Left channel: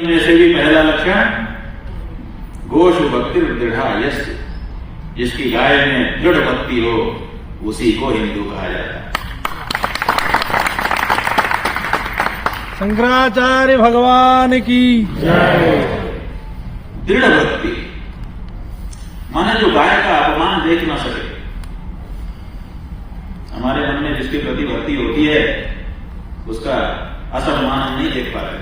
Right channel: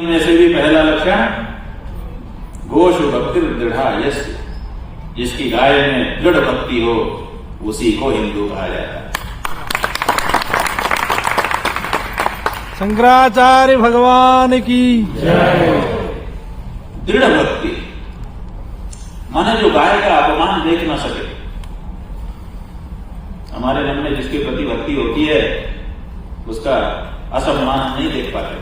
में से भी पहला लक्षण गोशु भक्ति दृढ़ा यश, जिसकी गाय में दृढ़ भक्ति हो उसी को हिंदू कहा जाता है। शंकराचार्य भगवान की जय। दृढ़ भक्ति माने जो गाय का अपमान देख ना सके। हमारे मन में जिसके प्रति भक्ति होती है उसका असम्मान हम नहीं देख पाते,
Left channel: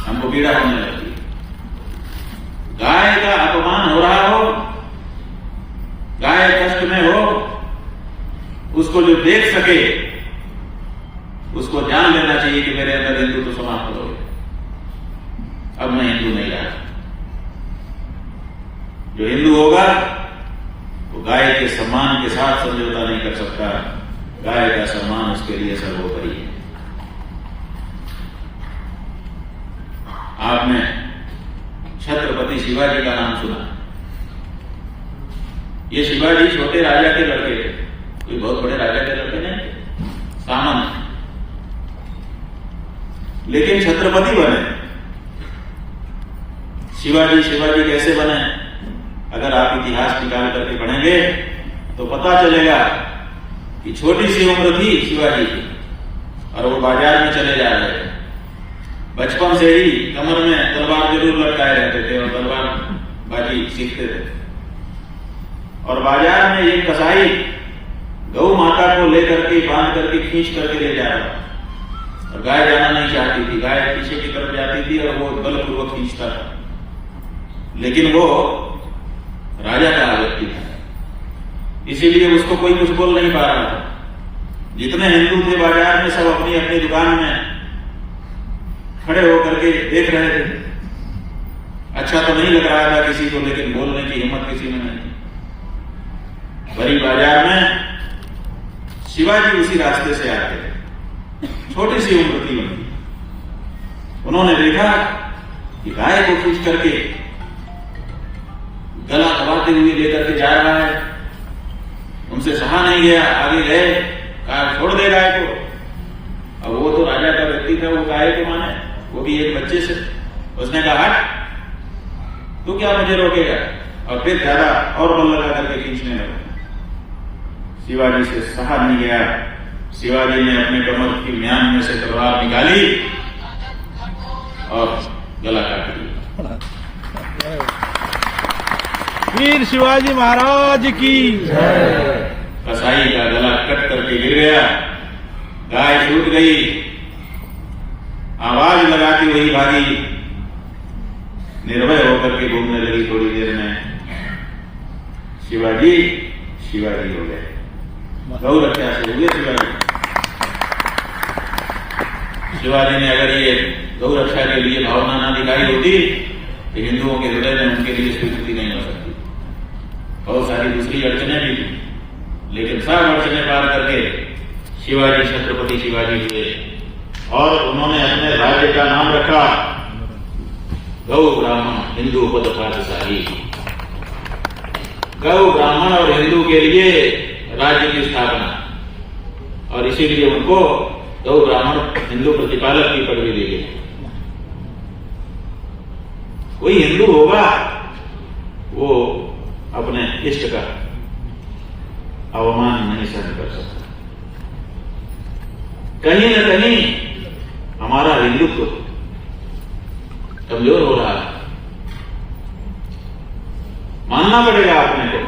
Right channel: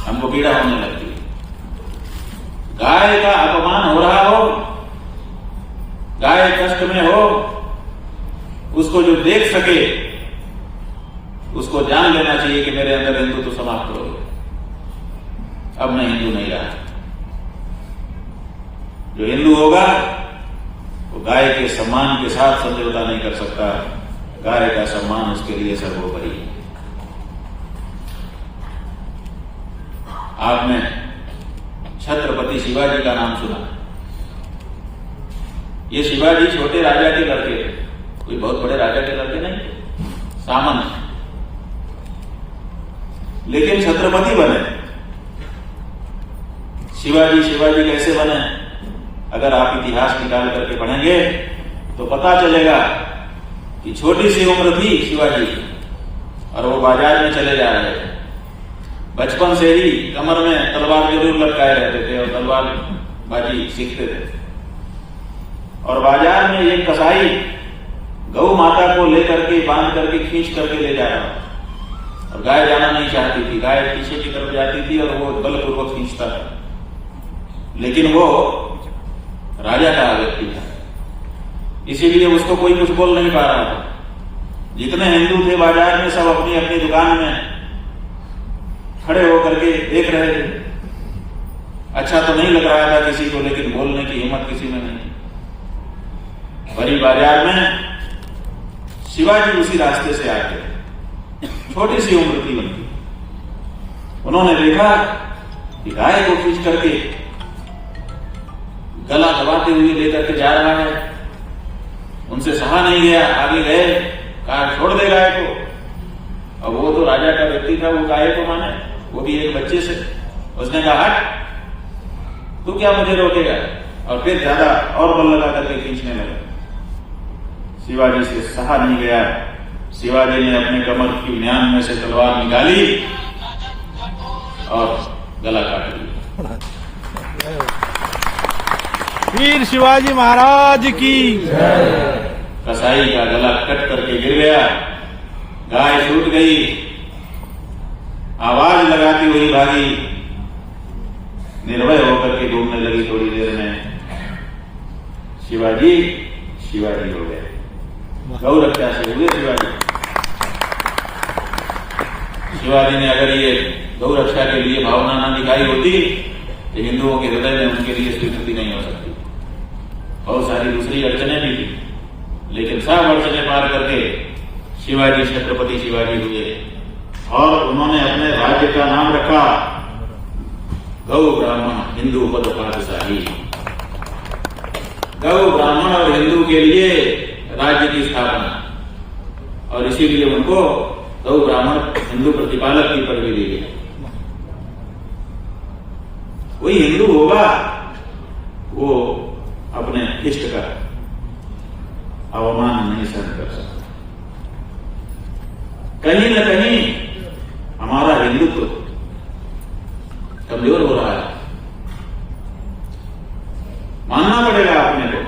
हमको पीड़ा होने लगती है। गाय का अपमान हो रहा हो, गाय कष्ट में हो, उसको जो देख सके उसको जान लेना चाहिए कि मेरे अंदर हिंदू तो समाप्त हो गए, अब मैं हिंदू नहीं रहा। जो हिंदू होगा वो गाय के सम्मान के साथ समझौता नहीं कर सकता। गाय का सम्मान उसके लिए सर्वोपरि है। आपने छत्रपति शिवाजी का नाम सुना। ये शिवाजी छोटे राजा के लड़के थे, कोई बहुत बड़े राजा के लड़के नहीं थे, सामान्य, लेकिन छत्रपति बने। शिवाजी कैसे बने? अगर आप इतिहास निकाल करके पढ़ेंगे तो पता चलेगा कि छोटी सी उम्र थी शिवाजी की और वो बाजार में चले जा रहे थे। बचपन से ही कमर में तलवार जरूर लटकाए रहते थे और तलवार बाजी सीखते थे। और बाजार में एक कसाई गौ माता को लेकर के बांध करके खींच करके ले जा रहा था और गाय जाना नहीं चाहती थी। गाय पीछे की तरफ जाती थी और वो बलपूर्वक खींचता था, लेकिन वो राजा का व्यक्ति था, इसीलिए उसको कोई कुछ बोल नहीं पा रहा था। जितने हिंदू थे बाजार में सब अपनी अपनी दुकान में खड़े होकर के देख रहे थे। अच्छा तो नहीं लग रहा था किसी को, लेकिन बोलने की हिम्मत किसी में नहीं। बड़ी बाजार में शिवाजी उसी रास्ते से आते थे, छोटी सी उम्र की उनकी। उन्होंने देखा कि गाय को खींच करके गला दबाते हुए लेकर के जा रहा है। उनसे सहा नहीं गया, आगे गए, कहा छोड़ दे गाय को। अब वो तो राजा का व्यक्ति था, वो गाय को माने, वो भी एक बच्चे से। उसने कहा हट, तू क्या मुझे रोकेगा? और फिर ज्यादा और बल लगा करके खींचने लगा। शिवाजी से सहा नहीं गया। शिवाजी ने अपने कमर की म्यान में से तलवार निकाली और गला काट लिया। वीर शिवाजी महाराज की जय। कसाई का गला कट करके गिर गया, गाय छूट गई, आवाज लगाती हुई भागी, निर्भय होकर के घूमने लगी। थोड़ी देर में शिवाजी हो गए, गौ रक्षा से हुए शिवाजी। शिवाजी ने अगर ये गौ रक्षा के लिए भावना ना दिखाई होती तो हिंदुओं के हृदय में उनके लिए स्वीकृति नहीं हो सकती। बहुत सारी दूसरी अड़चने भी थी, लेकिन सब अड़चने पार करके शिवाजी छत्रपति शिवाजी हुए और उन्होंने अपने राज्य का नाम रखा गौ ब्राह्मण हिंदू पद पातशाही। गौ ब्राह्मण और हिंदू के लिए राज्य की स्थापना, और इसीलिए उनको गौ ब्राह्मण हिंदू प्रतिपालक की पदवी दी गई। कोई हिंदू होगा वो अपने इष्ट का अवमान नहीं सहन कर सकता। कहीं न कहीं हमारा हिंदुत्व कमजोर हो रहा है। मानना पड़ेगा अपने को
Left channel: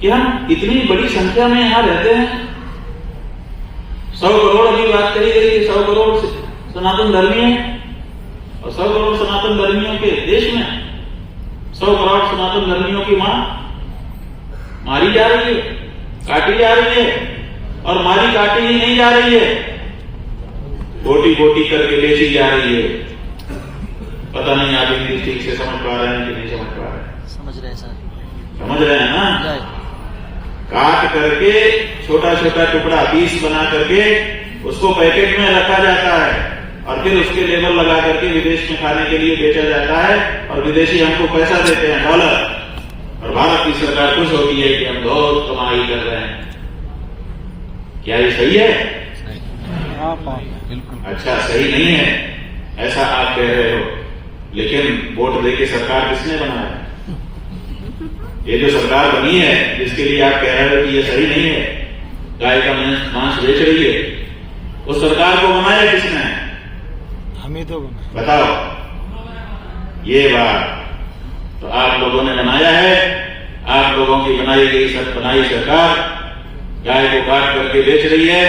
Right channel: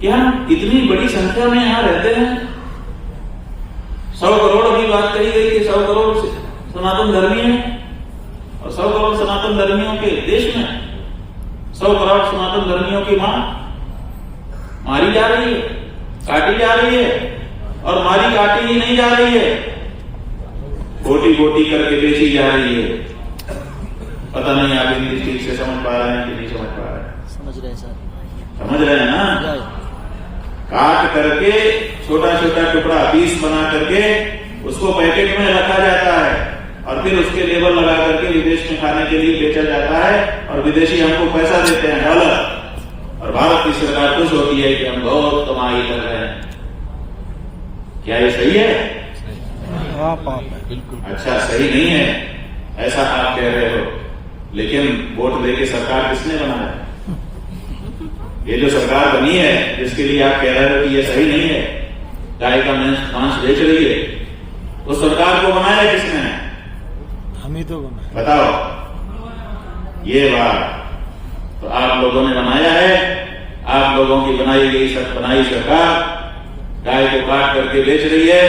कि हम इतनी बड़ी संख्या में यहां रहते हैं। 100 करोड़ अभी बात करी गई कि 100 करोड़ सनातन धर्मी हैं, और 100 करोड़ सनातन धर्मियों के देश में 100 करोड़ सनातन धर्मियों की मां मारी जा रही है, काटी जा रही है, और मारी काटी ही नहीं जा रही है, गोटी गोटी करके बेची जा रही है। पता नहीं आप हिंदी ठीक से समझ पा रहे हैं कि नहीं समझ पा रहे हैं? समझ रहे हैं सर, समझ रहे हैं ना? काट करके छोटा छोटा टुकड़ा पीस बना करके उसको पैकेट में रखा जाता है और फिर उसके लेबल लगा करके विदेश में खाने के लिए बेचा जाता है, और विदेशी हमको पैसा देते हैं डॉलर, और भारत की सरकार खुश होती है कि हम बहुत कमाई कर रहे हैं। क्या ये सही है? बिल्कुल। अच्छा, सही नहीं है। ऐसा आप कह रहे हो, लेकिन वोट देके सरकार किसने बनाया? ये जो सरकार बनी है जिसके लिए आप कह रहे हो कि ये सही नहीं है, गाय का मांस बेच रही है, उस सरकार को बनाया किसने? हम ही तो बने। बताओ। ये बात तो आप लोगों ने बनाया है। आप लोगों की बनाई सरकार गाय को काट करके बेच रही है।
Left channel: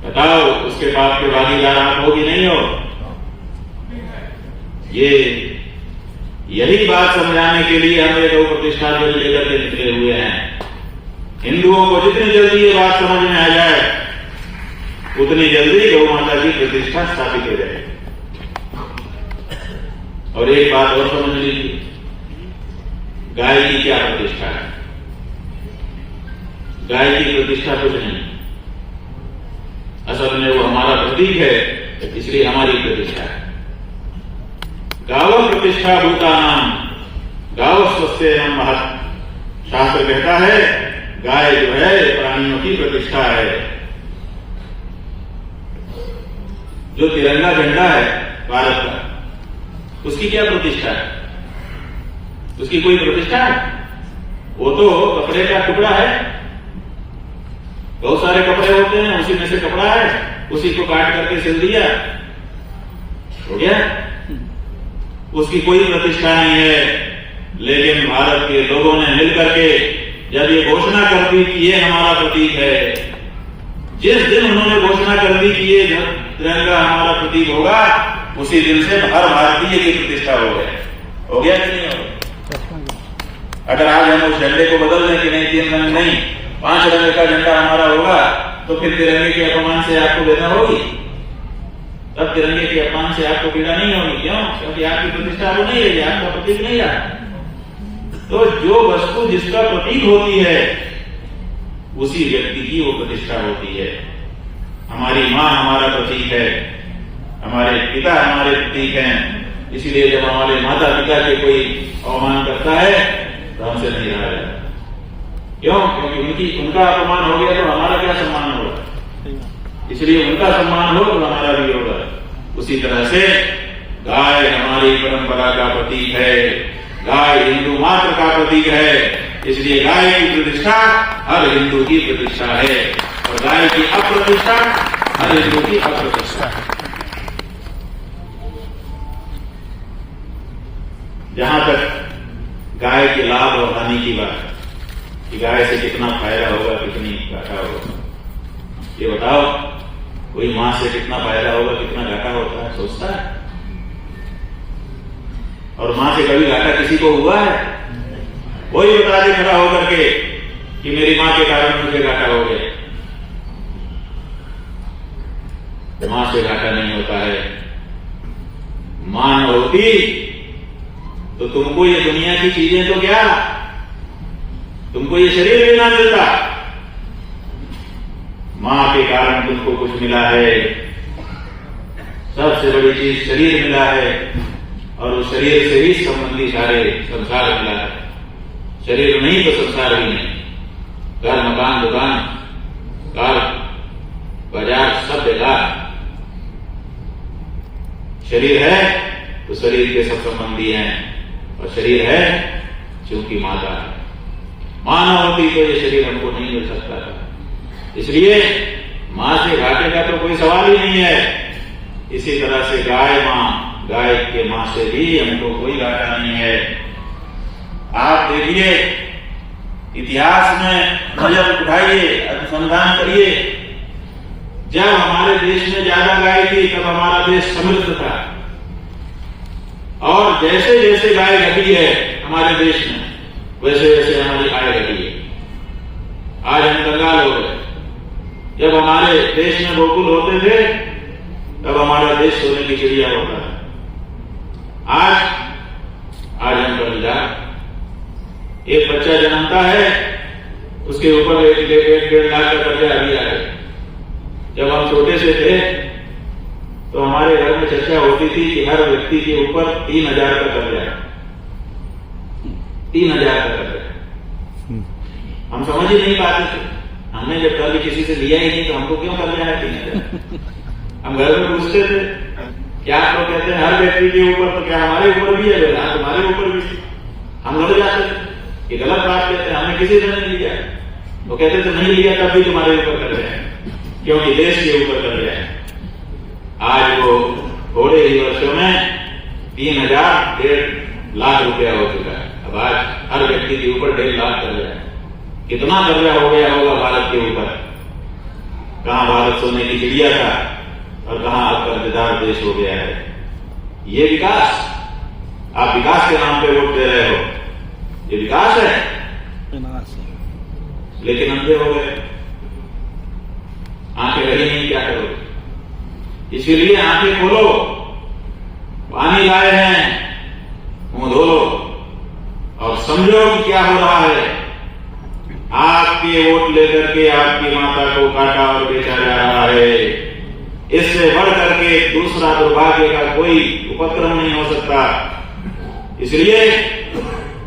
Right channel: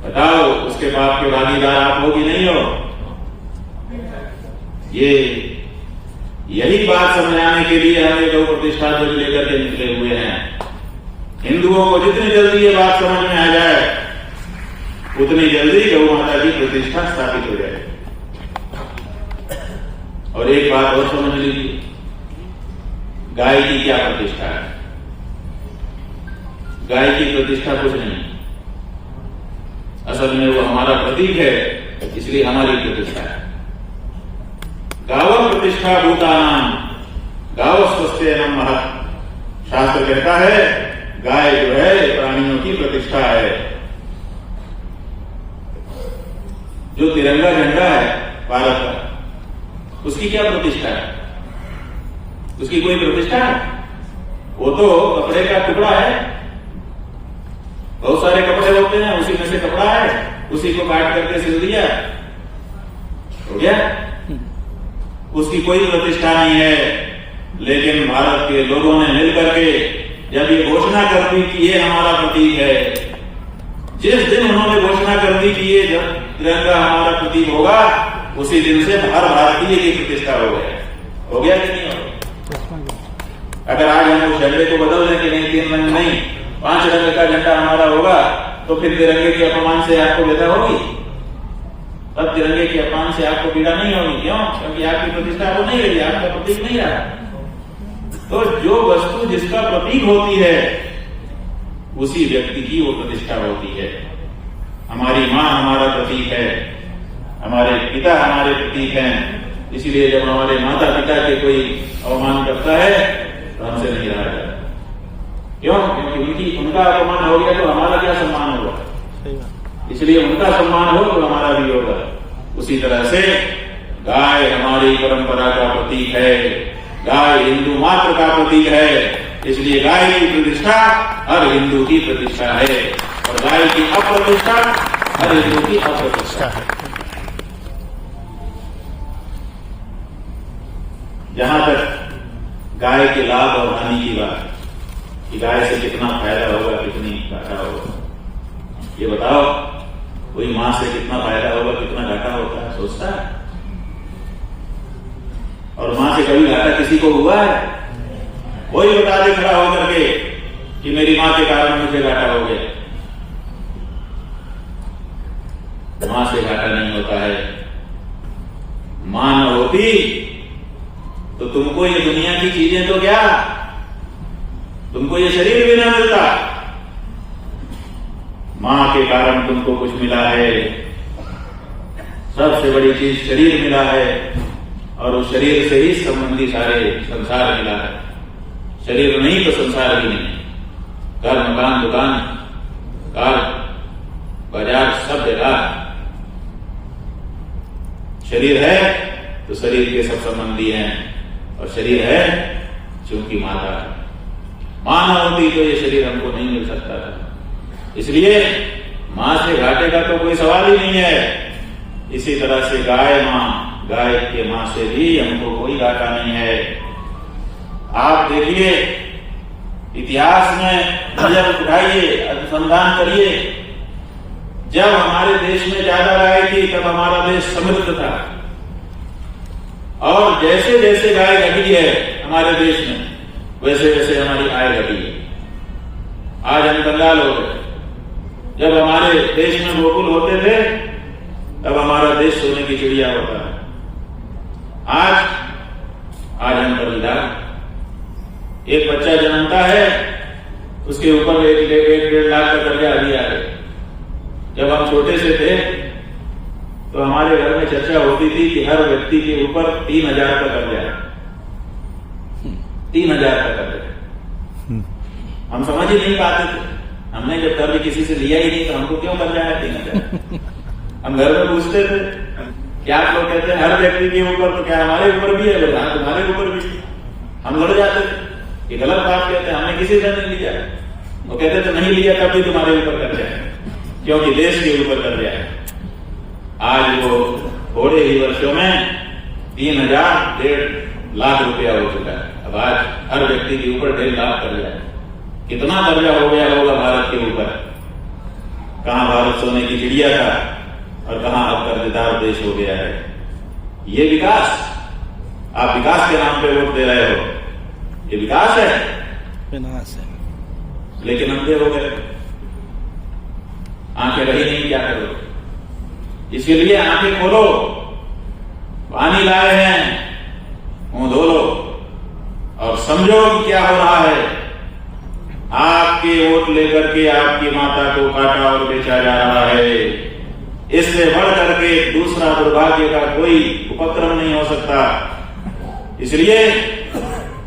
बताओ, उसके पाप के भागीदार आप हो कि नहीं हो? यही बात समझाने के लिए हम गौ प्रतिष्ठा बिल लेकर के निकले हुए हैं। हिंदुओं को जितनी जल्दी ये बात समझ में आ जाए उतनी जल्दी गौ माता की प्रतिष्ठा स्थापित हो जाए। और एक बात और समझ लीजिए, गाय की क्या प्रतिष्ठा है? गाय की प्रतिष्ठा कुछ नहीं, असल में वो हमारा प्रतीक है, इसलिए हमारी प्रतिष्ठा है। गाव प्रतिष्ठा भूतानाम गाव स्वस्थेनम महत्। शास्त्र कहता है गाय जो है प्राणियों की प्रतिष्ठा है। जो तिरंगा झंडा है भारत का, उसकी क्या प्रतिष्ठा है? उसकी कोई प्रतिष्ठा है? वो तो कपड़े का टुकड़ा है। बहुत सारे कपड़े होते हैं, उसी में से कपड़ा है, उसी को काट करके सिल दिया, हो गया। उसकी कोई प्रतिष्ठा नहीं है। लेकिन भारत के लोगों ने मिलकर के जब ये घोषणा कर दी कि ये हमारा प्रतीक है, जिस दिन उन्होंने घोषणा कर दी कि ये तिरंगा हमारा प्रतीक होगा, उसी दिन से हर भारतीय की प्रतिष्ठा हो गया कि नहीं हो गया? अगर आज हम उस झंडे को बदल दें कि नहीं 3 रंग नहीं 5 रंग का झंडा हमारा होगा, तो फिर तिरंगे के अपमान से आपको व्यथा होगी? तब तिरंगे के अपमान से आपको पीड़ा नहीं होगी। क्यों? क्योंकि आपकी प्रतिष्ठा वो नहीं रही, आपका प्रतीक नहीं रहा। तो जो वस्तु जिसका प्रतीक होती है उसी व्यक्ति की वो प्रतिष्ठा होती है। हमारी माँ हमारा प्रतीक है, हमारे पिता हमारे प्रतीक हैं। इसीलिए जब हमारे माता पिता के कोई अवमान करता है तो हमसे नहीं रहा जाता। क्यों? क्योंकि उनका अपमान हो गया तो हमारा क्या सम्मान होगा? इसलिए उनका सम्मान हो तो हमारा भी होगा। उसी तरह से गाय हमारी परंपरा का प्रतीक है, गाय हिंदू मात्र का प्रतीक है। इसलिए गाय की प्रतिष्ठा हर हिंदू की प्रतिष्ठा है, और गाय की अप्रतिष्ठा हर हिंदू की अप्रतिष्ठा है। जहां तक गाय के लाभ और हानि की बात, कि गाय से कितना फायदा होगा, कितनी घाटा होगा, ये बताओ। कोई मां से कितना फायदा होगा, कितना घाटा होता है, सोचता है? और मां से कभी घाटा किसी को हुआ है? कोई बता दे खड़ा होकर के कि मेरी मां के कारण मुझे घाटा हो गया। मां से घाटा नहीं होता है। मां न होती तो तुमको ये दुनिया की चीजें तो क्या, तुमको ये शरीर भी ना मिलता। मां के कारण तुमको कुछ मिला है। सबसे बड़ी चीज शरीर मिला है, और उस शरीर से ही संबंधी सारे संसार मिला है। शरीर नहीं तो संसार भी नहीं। घर मकान दुकान कार बाजार सब बेकार। शरीर है तो शरीर के सब संबंधी हैं, और शरीर है क्योंकि माता है। मां न होती तो ये शरीर हमको नहीं मिल सकता था। इसलिए मां से घाटे का तो कोई सवाल ही नहीं है। इसी तरह से गाय के मां से भी हमको कोई घाटा नहीं है। आप देखिए, इतिहास में नजर उठाइए, अनुसंधान करिए। जब हमारे देश में ज्यादा गाय थी तब हमारा देश समृद्ध था, और जैसे जैसे गाय घटी है हमारे देश में, वैसे वैसे हमारी आय घटी है। आज हम कंगाल हो गए। जब हमारे देश में गोकुल होते थे तब हमारा देश सोने की चिड़िया होता है। आज हम कर्जदार। एक बच्चा जन्मता है, उसके ऊपर 1-1.5 लाख का कर्जा अभी आ गया। जब हम छोटे से थे तो हमारे घर में चर्चा होती थी कि हर व्यक्ति के ऊपर 3,000 का कर्जा है। 3,000 का कर्जा। हम समझ ही नहीं पाते थे। हमने जब कभी किसी से लिया ही नहीं तो हमको क्यों कर्जा है 3,000? हम घर में पूछते थे क्या आप लोग कहते हैं हर व्यक्ति के ऊपर, तो क्या हमारे ऊपर भी है? हाँ, तुम्हारे ऊपर भी थी, हम लड़ जाते थे। ये गलत बात कहते हैं, हमने किसी से नहीं लिया। वो कहते तो नहीं लिया तब भी तुम्हारे ऊपर कर रहे हैं, क्योंकि देश के ऊपर कर रहे हैं। आज वो थोड़े ही वर्षों में 3,000-1.5 लाख रुपया हो चुका है। अब आज हर व्यक्ति के ऊपर 1.5 लाख कर रहा है। कितना कर्जा हो गया होगा भारत के ऊपर? कहां भारत सोने की चिड़िया था और कहां अब कर्जदार देश हो गया है। ये विकास, आप विकास के नाम पे वोट दे रहे हो, ये विकास है? विनाश है। लेकिन अंधे हो गए, आंखें लगी नहीं, क्या करो? इसीलिए आंखें खोलो, पानी लाए हैं, मुंह धो लो और समझो कि क्या हो रहा है। आपके वोट लेकर के आपकी माता को काटा और बेचा जा रहा है। इससे बढ़ करके दूसरा दुर्भाग्य का कोई उपक्रम नहीं हो सकता। इसलिए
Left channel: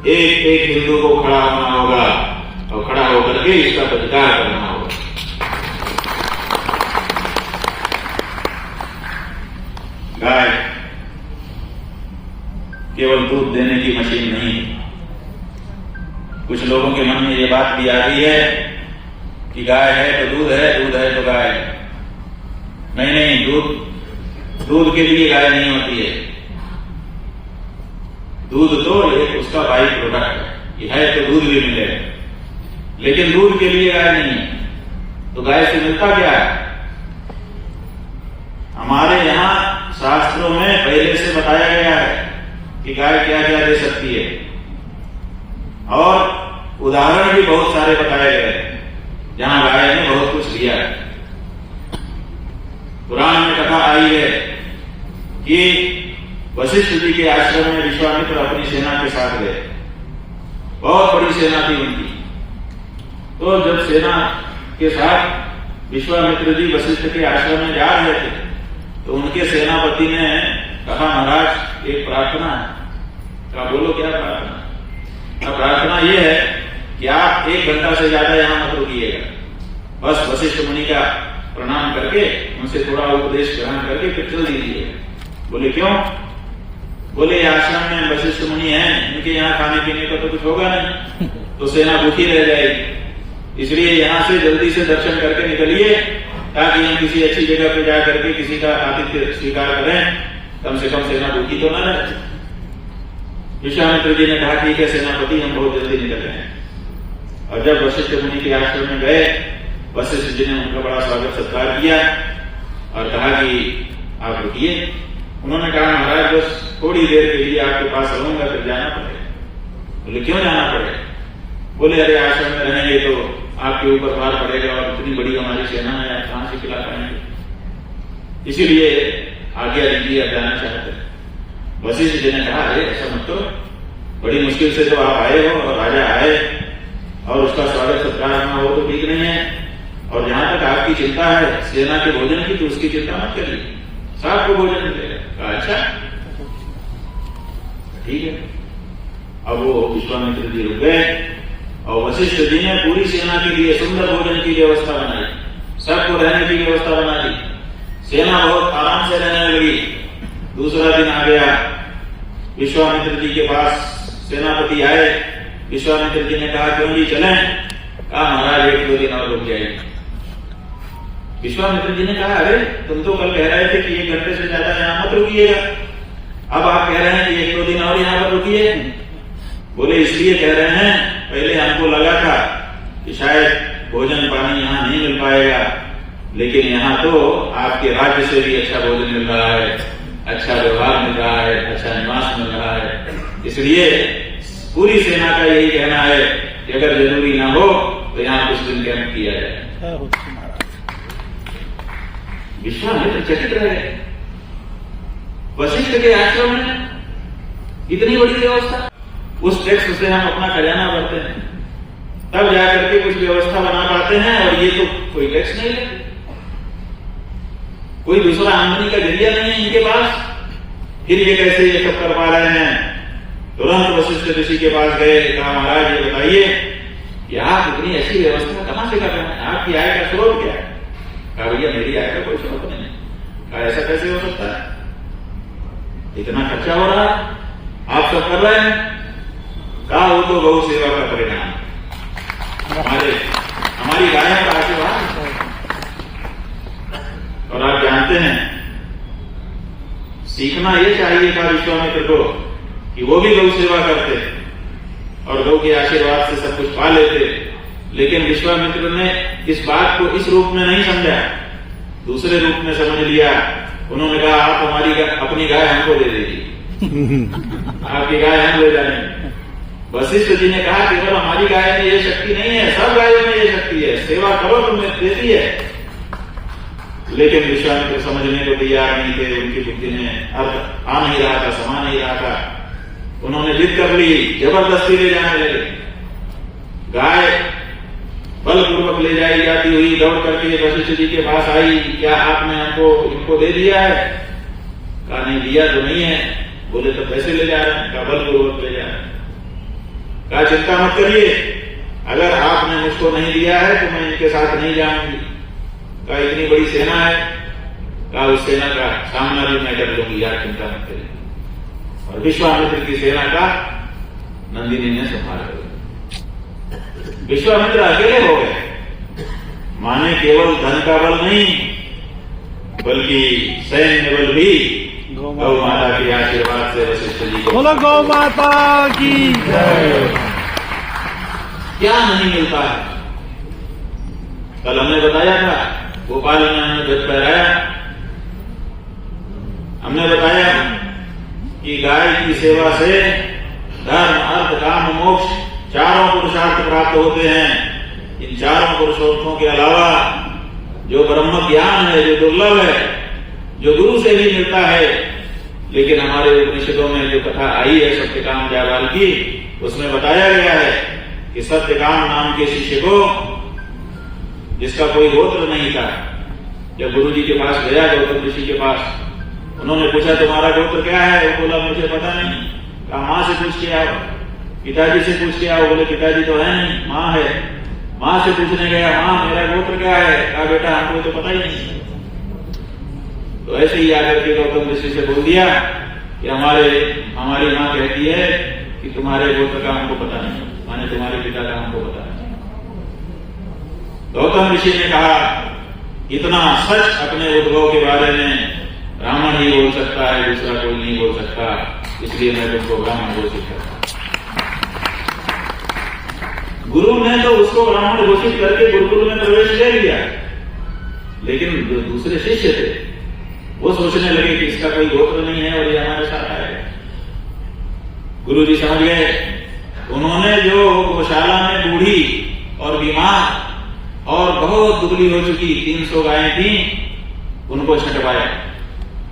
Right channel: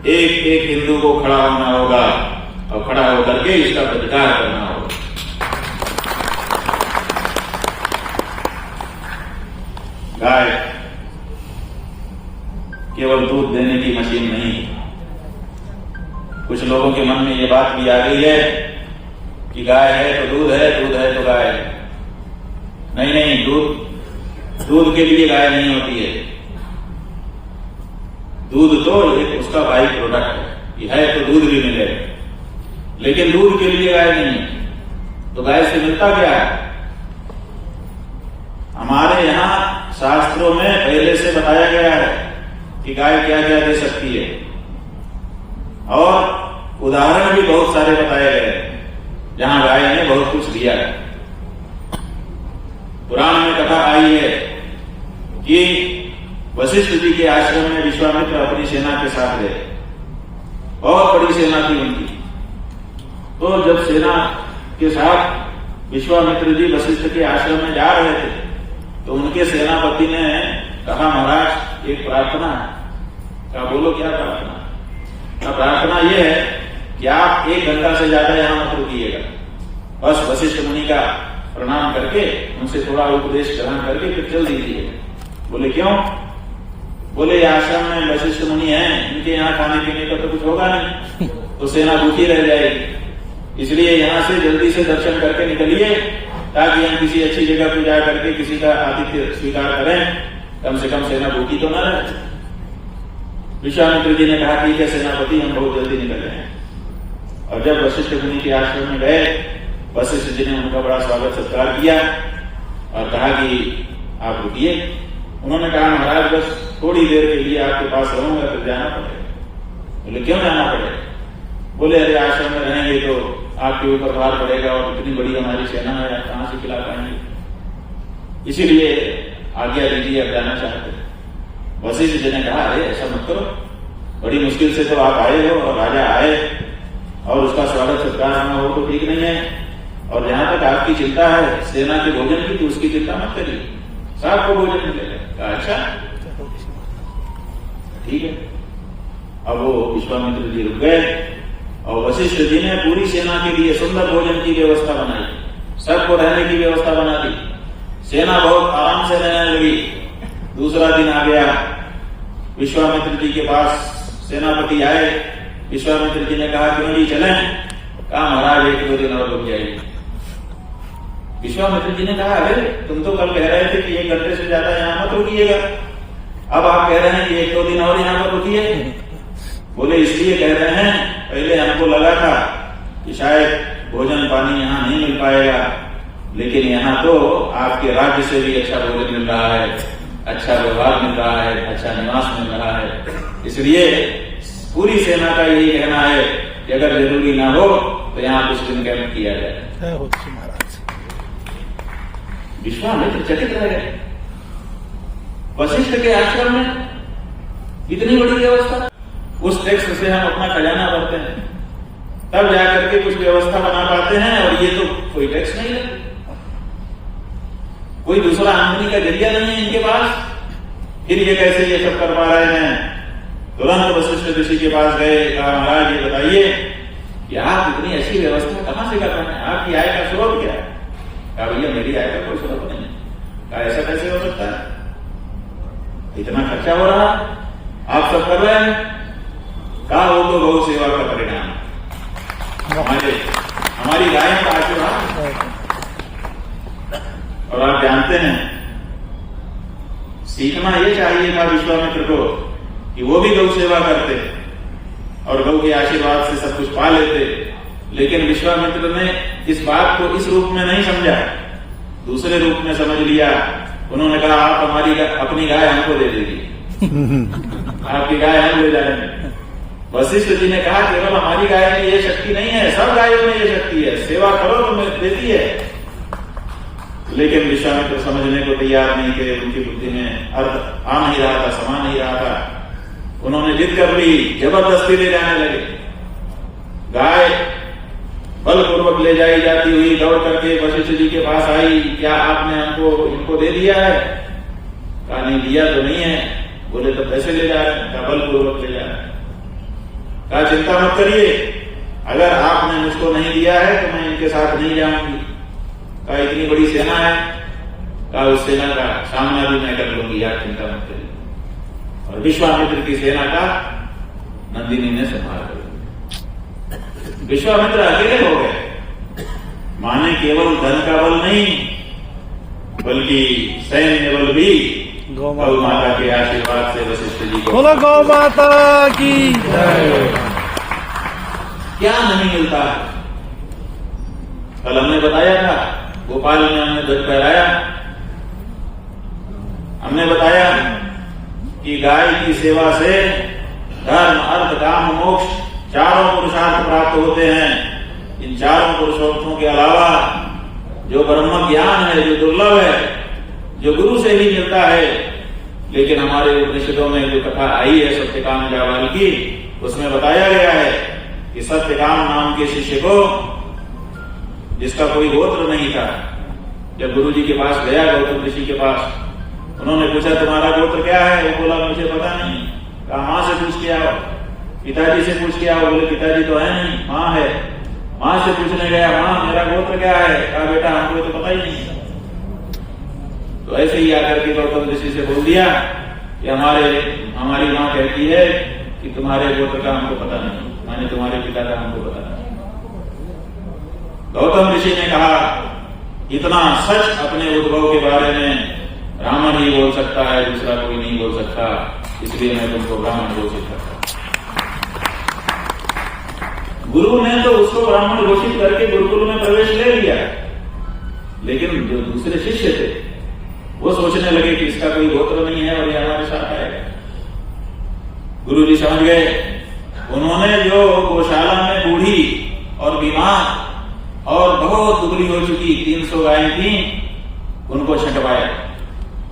एक एक हिंदू को खड़ा होना होगा और खड़ा होकर के इसका प्रतिकार करना होगा। गाय केवल दूध देने की मशीन नहीं है। कुछ लोगों के मन में ये बात भी आ गई है कि गाय है तो दूध है, दूध है तो गाय है। नहीं नहीं, दूध के लिए गाय नहीं होती है। दूध तो एक उसका बाई प्रोडक्ट है, ये है तो दूध भी मिलेगा, लेकिन दूध के लिए गाय नहीं है। तो गाय से मिलता क्या है? हमारे यहां शास्त्रों में पहले से बताया गया है कि गाय क्या क्या दे सकती है, और उदाहरण भी बहुत सारे बताए गए हैं जहां गाय ने बहुत कुछ दिया है। पुराण में कथा आई है कि वशिष्ठ जी के आश्रम में विश्वामित्र अपनी सेना के साथ गए। बहुत बड़ी सेना थी उनकी। तो जब सेना के साथ विश्वामित्र जी वशिष्ठ के आश्रम में जा रहे थे तो उनके सेनापति ने कहा, महाराज एक प्रार्थना है। कहा, बोलो क्या प्रार्थना? प्रार्थना यह है कि आप 1 घंटा से ज्यादा यहां मत रुकिएगा, बस वशिष्ठ मुनि का प्रणाम करके उनसे थोड़ा उपदेश ग्रहण करके फिर चल दीजिएगा। बोले क्यों? बोले आश्रम में वशिष्ठ मुनि हैं, इनके यहाँ खाने पीने का तो कुछ होगा नहीं, तो सेना भूखी रह जाएगी। इसलिए यहां से जल्दी से दर्शन करके निकलिए ताकि हम किसी अच्छी जगह पे जा करके किसी का आतिथ्य स्वीकार करें, कम से कम सेना भूखी तो न रहे। विश्वामित्र जी ने कहा, ठीक है सेनापति, हम बहुत जल्दी निकल रहे हैं। और जब वशिष्ठ मुनि के आश्रम में गए, वशिष्ठ जी ने उनका बड़ा स्वागत सत्कार किया और कहा कि आप रुकिए। उन्होंने कहा, महाराज बस थोड़ी देर के लिए आपके पास रहूंगा, फिर जाना पड़ेगा। बोले क्यों जाना पड़ेगा? बोले अरे आश्रम में रहेंगे तो आपके ऊपर भार पड़ेगा और इतनी बड़ी हमारी सेना है, आप कहां से खिला पाएंगे, इसीलिए आज्ञा दीजिए, आप जाना चाहते हैं। वशिष्ठ जी ने कहा, अरे ऐसा मत करो, बड़ी मुश्किल से तो आप आए हो और राजा आए और उसका स्वागत सत्कार होना वो तो ठीक नहीं है। और जहां तक आपकी चिंता है सेना के भोजन की, तो उसकी चिंता मत करिए, सबको भोजन मिलेगा। कहा अच्छा ठीक है। अब वो विश्वामित्र जी रुक गए और वशिष्ठ जी ने पूरी सेना के लिए सुंदर भोजन की व्यवस्था बनाई, सबको रहने की व्यवस्था बना दी। सेना बहुत आराम से रहने लगी। दूसरा दिन आ गया, विश्वामित्र जी के पास सेनापति आए। विश्वामित्र जी ने कहा, क्यों जी चलें? कहा, महाराज 1-2 दिन और रुक जाएंगे। विश्वामित्र जी ने कहा, अरे तुम तो कल कह रहे थे कि 1 घंटे से ज्यादा यहां मत रुकिएगा, अब आप कह रहे हैं कि 1-2 दिन और यहां पर रुकिए। बोले इसलिए कह रहे हैं, पहले हमको लगा था कि शायद भोजन पानी यहां नहीं मिल पाएगा, लेकिन यहां तो आपके राज्य से भी अच्छा भोजन मिल रहा है, अच्छा व्यवहार मिल रहा है, अच्छा निवास मिल रहा है। इसलिए पूरी सेना का यही कहना है कि अगर जरूरी ना हो तो यहां कुछ दिन कैंप किया जाए। विश्वामित्र चकित रह गए। वशिष्ठ के आश्रम में इतनी बड़ी व्यवस्था, उस टैक्स से हम अपना खजाना भरते हैं, तब जाकर के कुछ व्यवस्था बना पाते हैं, और ये तो कोई टैक्स नहीं है, कोई दूसरा आमदनी का जरिया नहीं है इनके पास, फिर ये कैसे ये सब कर पा रहे हैं। तुरंत वशिष्ठ ऋषि के पास गए, कहा महाराज ये बताइए कि आप इतनी अच्छी व्यवस्था कहां से कर रहे हैं, आपकी आय का स्रोत क्या है? कहा भैया मेरी आय का कोई स्रोत नहीं। कहा ऐसा कैसे हो सकता है? इतना खर्चा हो रहा है, आप सब कर रहे हैं, कहा वो तो गौ सेवा का परिणाम, हमारी गायों का आशीर्वाद। और आप जानते हैं, सीखना ये चाहिए था विश्वामित्र को कि वो भी गौ सेवा करते और गौ के आशीर्वाद से सब कुछ पा लेते, लेकिन विश्वामित्र ने इस बात को इस रूप में नहीं समझा, दूसरे रूप में समझ लिया। उन्होंने कहा आप हमारी अपनी गाय हमको दे दीजिए, आपकी गाय हम ले जाएंगे। वशिष्ठ जी ने कहा केवल हमारी गाय में ये शक्ति नहीं है, सब गायों में ये शक्ति है, सेवा करो तुम्हें देती है। लेकिन विश्वामित्र समझने को तैयार नहीं थे, उनकी बुद्धि में अर्थ आ नहीं रहा था, समा नहीं रहा था। उन्होंने जिद कर ली, जबरदस्ती ले जाने लगे। गाय बलपूर्वक ले जाई जाती हुई दौड़ करके वशिष्ठ जी के पास आई, क्या आपने हमको इनको दे दिया है? कहा नहीं दिया तो नहीं है। बोले तो कैसे ले जा रहे हैं? कहा बलपूर्वक ले जा रहे हैं। कहा चिंता मत करिए, अगर आपने मुझको नहीं दिया है तो मैं इनके साथ नहीं जाऊंगी। कहा इतनी बड़ी सेना है, कहा उस सेना का सामना भी मैं कर लूंगी, आप चिंता मत करिए। और विश्वामित्र की सेना का नंदिनी ने संभाल लिया। विश्वामित्र अकेले हो गए, माने केवल धन का बल नहीं बल्कि सैन्य बल भी गौ माता के आशीर्वाद से वशिष्ठ जी को। बोलो गौ माता की जय। क्या नहीं मिलता है? कल हमने बताया था, गोपाल ने हमने ध्वज फहराया, हमने बताया कि गाय की सेवा से धर्म अर्थ काम मोक्ष चारों पुरुषार्थ प्राप्त होते हैं। इन चारों पुरुषार्थों के अलावा जो ब्रह्म ज्ञान है, जो दुर्लभ है, जो गुरु से ही मिलता है, लेकिन हमारे उपनिषदों में जो कथा आई है सत्यकाम जाबाल की, उसमें बताया गया है कि सत्यकाम नाम के शिष्य को, जिसका कोई गोत्र नहीं था, जब गुरु जी के पास गया गौतम ऋषि के पास, उन्होंने पूछा तुम्हारा गोत्र क्या है? वो बोला मुझे पता नहीं। कहा मां से पूछ के आओ, पिताजी से पूछ के आओ। बोले पिताजी तो है नहीं, मां है। मां से पूछने गया, मां मेरा गोत्र क्या है? कहा बेटा हमको तो पता ही नहीं। तो ऐसे ही आकर के गौतम ऋषि से बोल दिया कि हमारी मां कहती है कि तुम्हारे गोत्र का हमको पता नहीं, माने तुम्हारे पिता का हमको पता नहीं। गौतम ऋषि ने कहा इतना सच अपने उद्भव के बारे में ब्राह्मण ही बोल सकता है, दूसरा कोई नहीं बोल सकता, इसलिए मैं तुमको ब्राह्मण घोषित करता। गुरु ने तो उसको ब्राह्मण घोषित करके गुरुकुल में प्रवेश ले लिया, लेकिन जो दूसरे शिष्य थे वो सोचने लगे कि इसका कोई गोत्र नहीं है और ये हमारे साथ आएगा। गुरु जी समझ गए। उन्होंने जो गौशाला में बूढ़ी और बीमार और बहुत दुबली हो चुकी 300 गायें थी, उनको छटवाया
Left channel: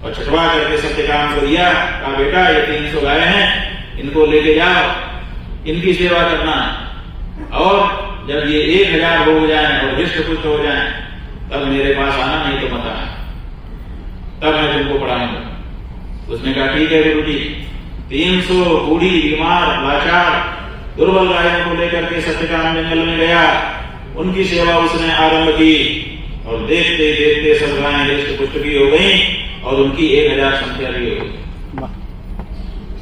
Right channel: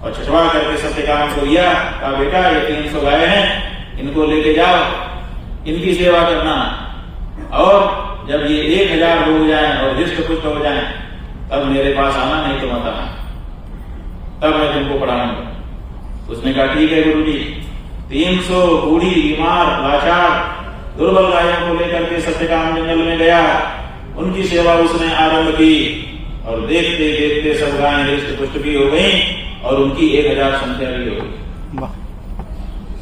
और छटवा करके सत्यकाम को दिया। कहा बेटा ये 300 गायें हैं, इनको लेके जाओ, इनकी सेवा करना, और जब ये 1000 हो जाए और हृष्ट पुष्ट हो जाए तब मेरे पास आना, नहीं तो मत आना, तब मैं तुमको पढ़ाऊंगा। उसने कहा ठीक है गुरु जी। 300 बूढ़ी बीमार लाचार दुर्बल गायों को लेकर के सत्यकाम जंगल में गया, उनकी सेवा उसने आरंभ की और देखते देखते सब गायें हृष्ट पुष्ट भी हो गई और उनकी 1000 संख्या भी हो गई।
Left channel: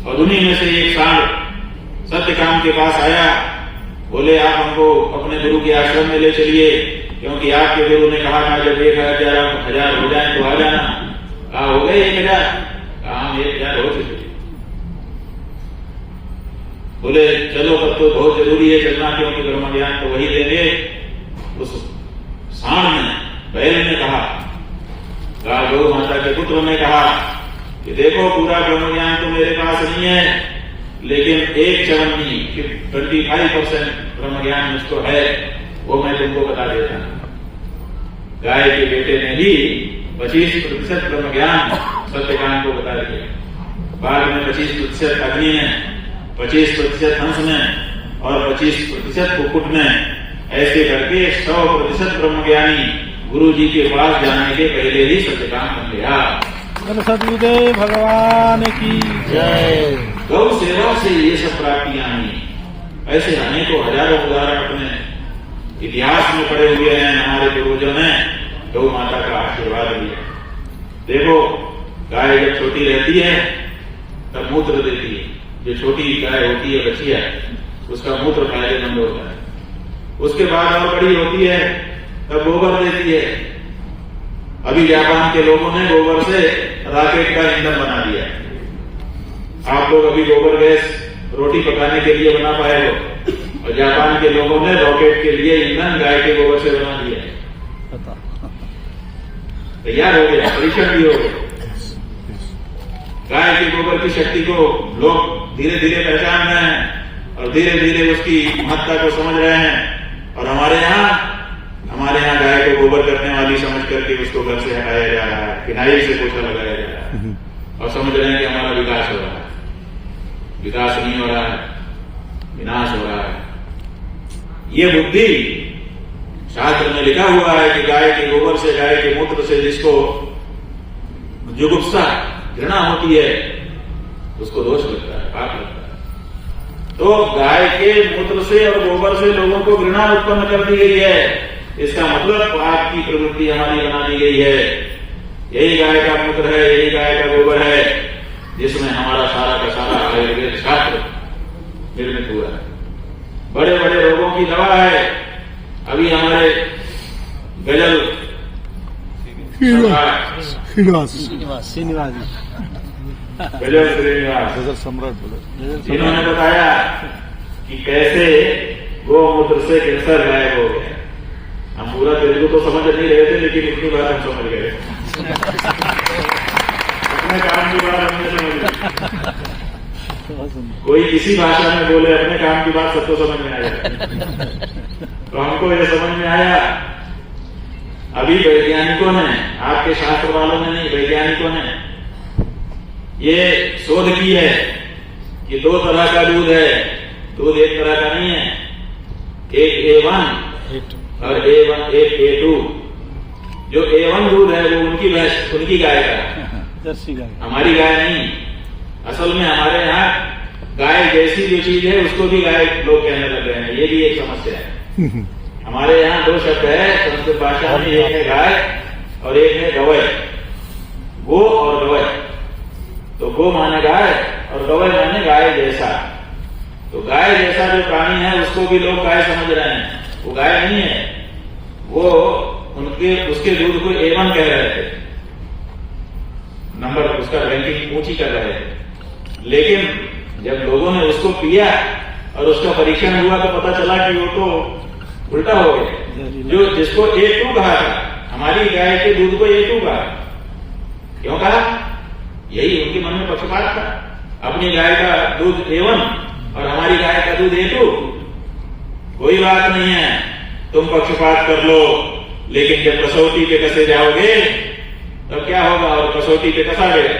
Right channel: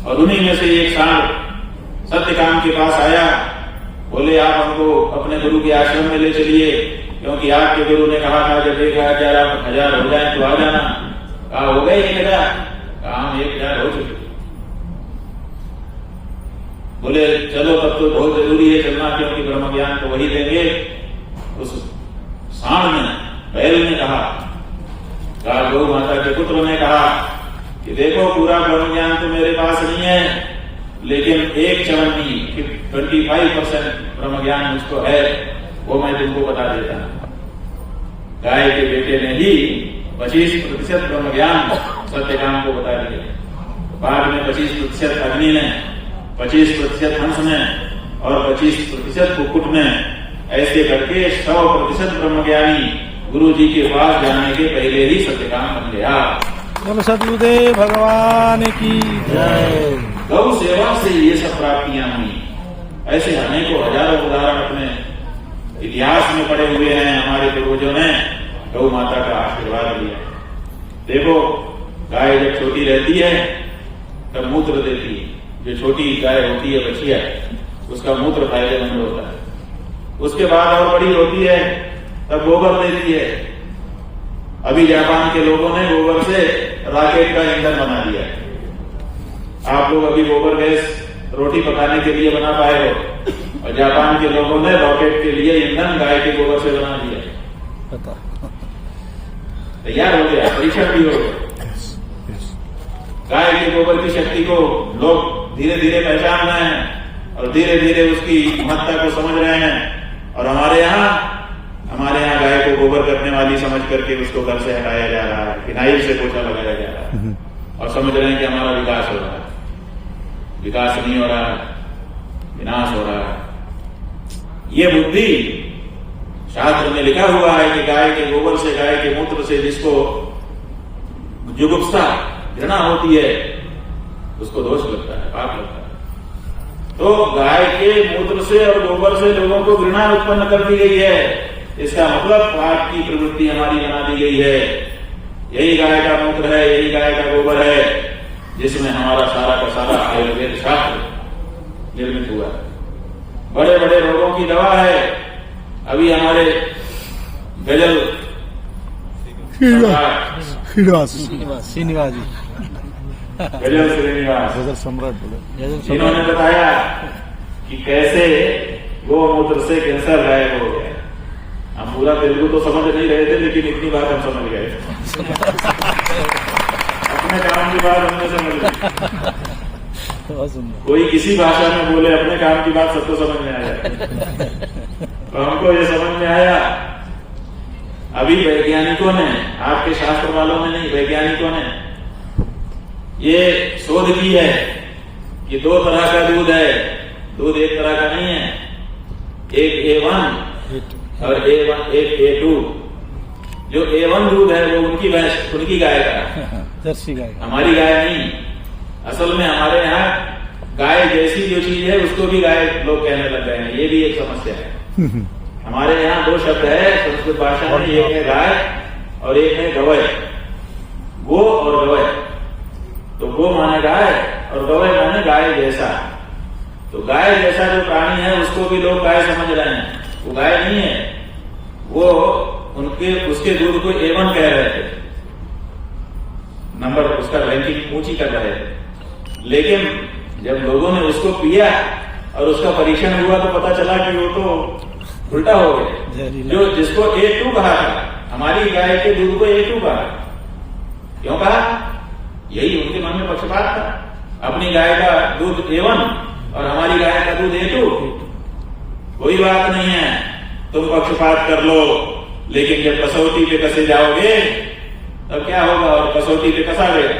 और उन्हीं में से एक साल सत्यकाम के पास आया, बोले आप हमको अपने गुरु के आश्रम में ले चलिए, क्योंकि आपके गुरु ने कहा था जब 1000 हो जाए तो आ जाना। कहा हो गए 1000? कहा हम 1000 हो चुके। बोले चलो तब तो बहुत जरूरी है चलना, क्योंकि ब्रह्म ज्ञान तो वही देंगे। उस सांड ने, बैल ने कहा, गौ माता के पुत्र ने कहा कि देखो पूरा ब्रह्म ज्ञान तो मेरे पास नहीं है, लेकिन एक चरण नहीं 25% ब्रह्म ज्ञान मुझको है, वो मैं तुमको बता देता हूं। गाय के बेटे ने ही 25% ब्रह्म ज्ञान सत्यकाम को बता दिया। बाद में 25% अग्नि ने, 25% हंस ने और 25% कुक्कुट ने, ऐसे करके 100% ब्रह्मज्ञानी गुरु जी के पास जाने के पहले ही सत्यकाम बन गया। सतगुरुदेव भगवान की जय। गौ सेवा से ये सब प्राप्तियां हुई। ऐसे अनेकों हजारों उदाहरण अपने इतिहास में पड़े हुए हैं। हमारे पूर्वजों ने गौ माता का आशीर्वाद दिया। देखो गाय जब छोटी रहती है तब मूत्र देती है। जो छोटी गाय होती है बछिया, उसका मूत्र फायदेमंद होता है। उसके बाद और बड़ी होती है तब गोबर देती है। अभी जापान के लोगों ने गोबर से रॉकेट का ईंधन बना दिया है। आप लोग अभी गोबर गैस रोटी पकाने के लिए बना पाए हो, और जापान के लोगों ने रॉकेट के लिए ईंधन गाय के गोबर से बना दिया। तैयार हो गया, परीक्षण भी हो गया। गाय के गोबर की शक्ति को लोग धीरे धीरे पहचान रहे हैं और धीरे धीरे उसकी महत्ता को समझ रहे हैं। और हमारे यहाँ गाय को गोबर करने वाली समझ करके उसको घर से हटाया जा रहा है, फिनाइल से पोछा लगाया जा रहा है, और समझ रहे हैं कि हमारा विकास हो रहा है। विकास नहीं हो रहा है, विनाश हो रहा है। ये बुद्धि शास्त्र में लिखा हुआ है कि गाय के गोबर से, गाय के मूत्र से जिसको जुगुप्सा, घृणा होती है, उसको दोष लगता है, पाप लगता है। तो गाय के मूत्र से और गोबर से लोगों को घृणा उत्पन्न कर दी गई है। इसका मतलब पाप की प्रवृत्ति हमारी बना दी गई है। यही गाय का मूत्र है, यही गाय का गोबर है, जिसमें हमारा सारा का सारा आयुर्वेद शास्त्र निर्मित हुआ है। बड़े बड़े रोगों की दवा है। अभी हमारे गजल श्रीनिवास जी, गजल श्रीनिवास, गजल सम्राट बोले, जिन्होंने बताया कि कैसे गोमूत्र से कैंसर गायब हो गया। हम पूरा तेलुगु तो समझ नहीं रहे थे, लेकिन इतनी बात हम समझ गए। अपने काम की बात हमने समझ ली। कोई किसी भाषा में बोले, अपने काम की बात सबको समझ में आ जाए। तो हमको ये समझ में आया, अभी वैज्ञानिकों ने, आपके शास्त्र वालों ने नहीं, वैज्ञानिकों ने ये शोध की है कि दो तरह का दूध है। दूध एक तरह का नहीं है, एक A1 और एक A2। जो A1 दूध है वो उनकी गाय का, जर्सी गाय, हमारी गाय नहीं। असल में हमारे यहाँ गाय जैसी जो चीज है उसको भी गाय लोग कहने लग गए हैं। ये भी एक समस्या है। हमारे यहाँ दो शब्द है संस्कृत भाषा में, एक है गाय और एक है गवय। गो और गवय, तो गो माने गाय और गवय माने गाय जैसा। तो गाय जैसा जो प्राणी है उसको भी लोग गाय समझ रहे हैं। वो गाय नहीं है, वो उसके दूध को A1 कह रहे थे, नंबर उसका रैंकिंग ऊंची कर रहे थे। लेकिन जब लोगों ने उसको पिया और उसका परीक्षण हुआ तो पता चला कि वो तो उल्टा हो गया। जो जिसको A2 कहा था, हमारी गाय के दूध को A2 कहा। क्यों कहा? यही उनके मन में पक्षपात था। अपनी गाय का दूध A1 और हमारी गाय का दूध A2। कोई बात नहीं है, तुम पक्षपात कर लो, लेकिन जब कसौटी पे कसे जाओगे तब क्या होगा? और कसौटी पे कसा गया।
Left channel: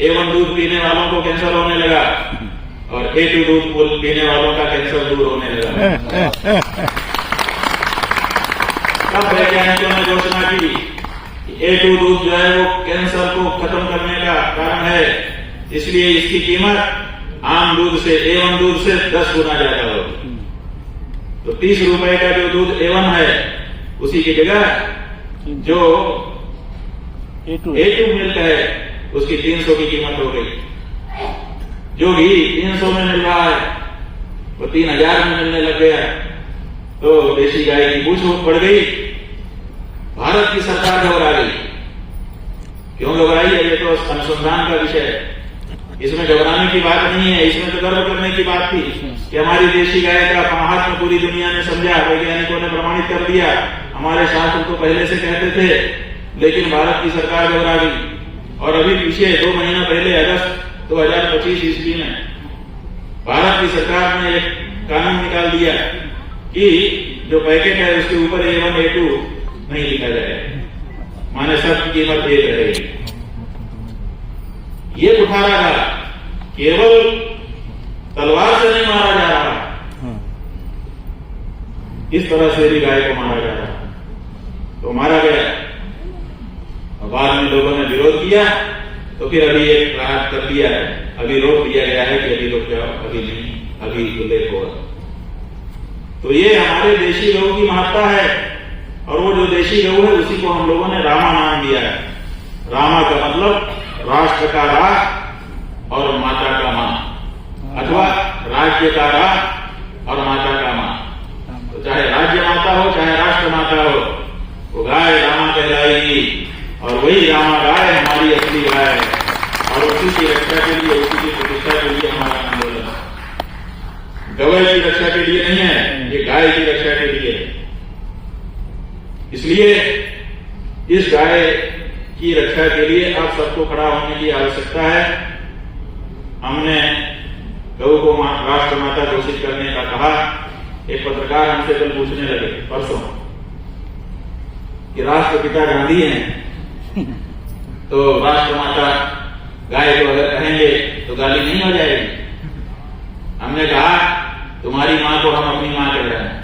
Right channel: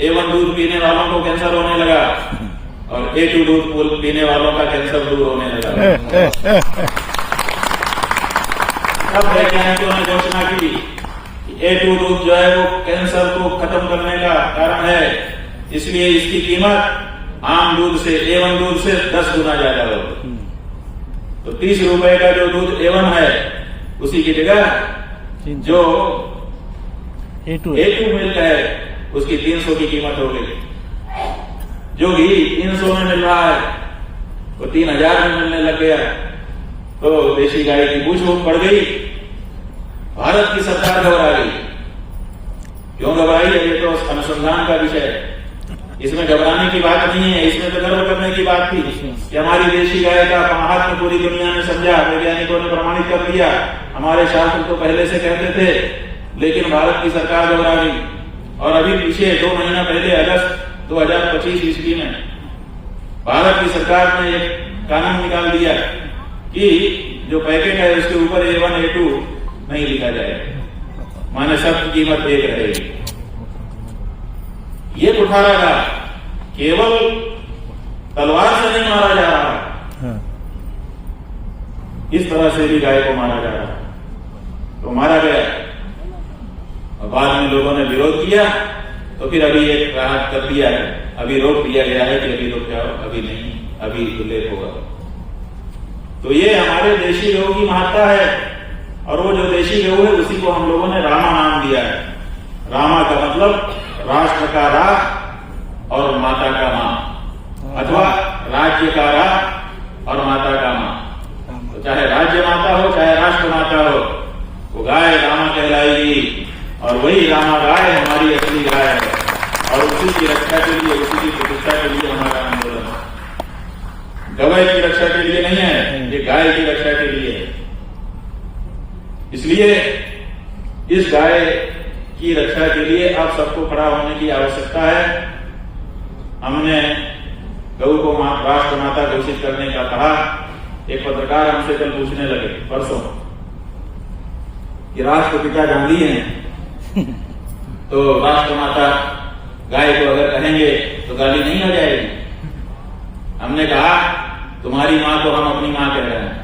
A1 दूध पीने वालों को कैंसर होने लगा और A2 दूध पीने वालों का कैंसर दूर होने लगा। अब वैज्ञानिकों ने घोषणा की कि A2 दूध जो है वो कैंसर को खत्म करने का कारण है, इसलिए इसकी कीमत आम दूध से, A1 दूध से 10 गुना ज्यादा होगी। तो 30 रुपए का जो दूध A1 है, उसी की जगह जो A2 मिल्क है उसकी 300 की कीमत हो गई। जो घी 300 में मिल रहा है वो 3000 में मिलने लग गया। तो देशी गाय की पूछ पड़ गई। भारत की सरकार घबरा गई। क्यों घबराई है? ये तो अनुसंधान का विषय है, इसमें घबराने की बात नहीं है। इसमें तो गर्व करने की बात थी कि हमारी देशी गाय का महात्म पूरी दुनिया ने समझा, वैज्ञानिकों ने प्रमाणित कर दिया। हमारे शास्त्र तो पहले से कहते थे, लेकिन भारत की सरकार घबरा गई। और अभी पीछे 2 महीना पहले अगस्त 2025 ईस्वी में भारत की सरकार ने एक कानून निकाल दिया कि जो पैकेट है उसके ऊपर A1 A2 नहीं लिखा जाए, माने सबकी कीमत एक रहेगी। ये कुठारा था, केवल तलवार से नहीं मारा जा रहा, इस तरह से भी गाय को मारा जा रहा। तो मारा गया और बाद में लोगों ने विरोध किया, तो फिर अभी एक राहत कर दिया है, अभी रोक दिया गया है कि अभी रुक जाओ, अभी नहीं, अभी उल्लेख होगा। तो ये हमारे देशी लोगों की महत्ता है। और वो जो देशी लोग है उसी को हम लोगों ने रामा नाम दिया है। रामा का मतलब राष्ट्र का रा और माता का माँ, अथवा राज्य का रा और माता का माँ। तो चाहे राज्य माता हो चाहे राष्ट्र माता हो, वो गाय रामा कहलाएगी और वही रामा गाय हमारी असली गाय है और उसी की रक्षा के लिए, उसी की प्रतिष्ठा के लिए हमारा आंदोलन है। गवय की रक्षा के लिए नहीं है, ये गाय की रक्षा के लिए है। इसलिए इस गाय की रक्षा के लिए अब सबको खड़ा होने की आवश्यकता है। हमने गौ को राष्ट्र माता घोषित करने का कहा। एक पत्रकार हमसे कल पूछने लगे परसों कि राष्ट्रपिता गांधी हैं तो राष्ट्र माता गाय को अगर कहेंगे तो गाली नहीं हो जाएगी। हमने कहा तुम्हारी मां को हम अपनी मां कह रहे हैं,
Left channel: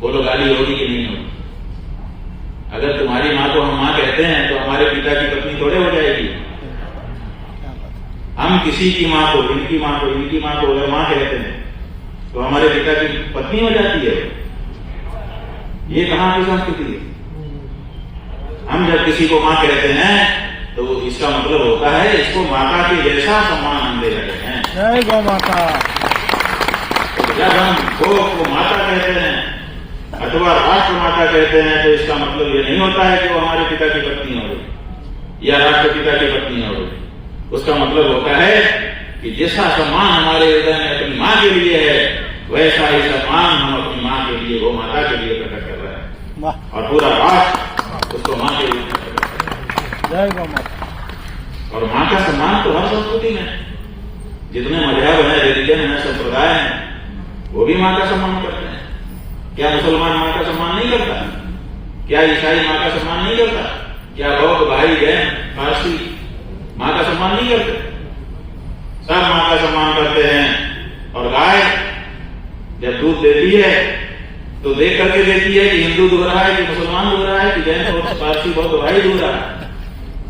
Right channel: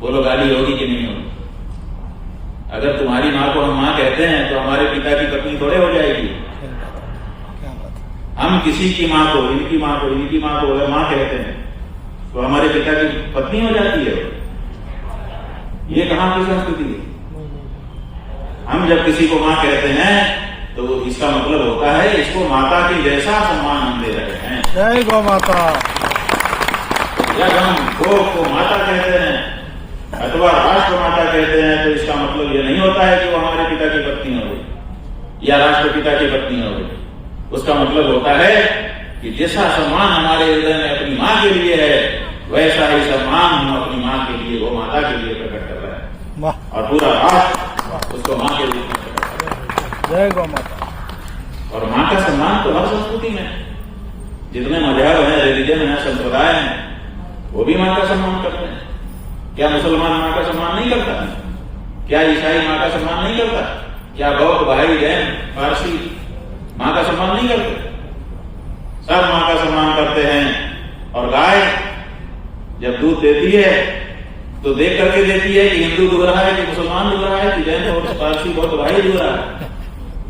बोलो गाली होगी कि नहीं होगी? अगर तुम्हारी मां को हम मां कहते हैं तो हमारे पिता की पत्नी थोड़े हो जाएगी। हम किसी की मां को, इनकी मां को, इनकी मां को अगर मां कहते हैं तो हमारे पिता की पत्नी हो जाती है। ये कहां की संस्कृति है? हम जब किसी को मां कहते हैं तो इसका मतलब होता है इसको माता के जैसा सम्मान हम दे रहे हैं। जय गौ माता। जब हम गौ को माता कहते हैं अथवा राष्ट्र माता कहते हैं तो इसका मतलब ये नहीं होता है कि वो हमारे पिता की पत्नी हो गई या राष्ट्रपिता की पत्नी हो गई। उसका मतलब होता है कि जैसा सम्मान हमारे हृदय में अपनी मां के लिए है वैसा ही सम्मान हम अपनी मां के लिए, वो माता के लिए प्रकट कर रहे हैं और पूरा राष्ट्र उसको मां के रूप में प्रकट कर रहा है। जय गौ माता। और मां का सम्मान तो हर संस्कृति में, जितने मजहब है, रिलीजन है, संप्रदाय है, वो भी मां का सम्मान करते हैं। क्या मुसलमान मां का सम्मान नहीं करता? क्या ईसाई मां का सम्मान नहीं करता? क्या बौद्ध, भाई, जैन, पारसी मां का सम्मान नहीं करते? सब मां का सम्मान करते हैं। और गाय जब दूध देती है तो देख करके देती है कि हिंदू दूध रहा है कि मुसलमान दूध रहा है कि जैन और पारसी बौद्ध भाई दूध रहा है।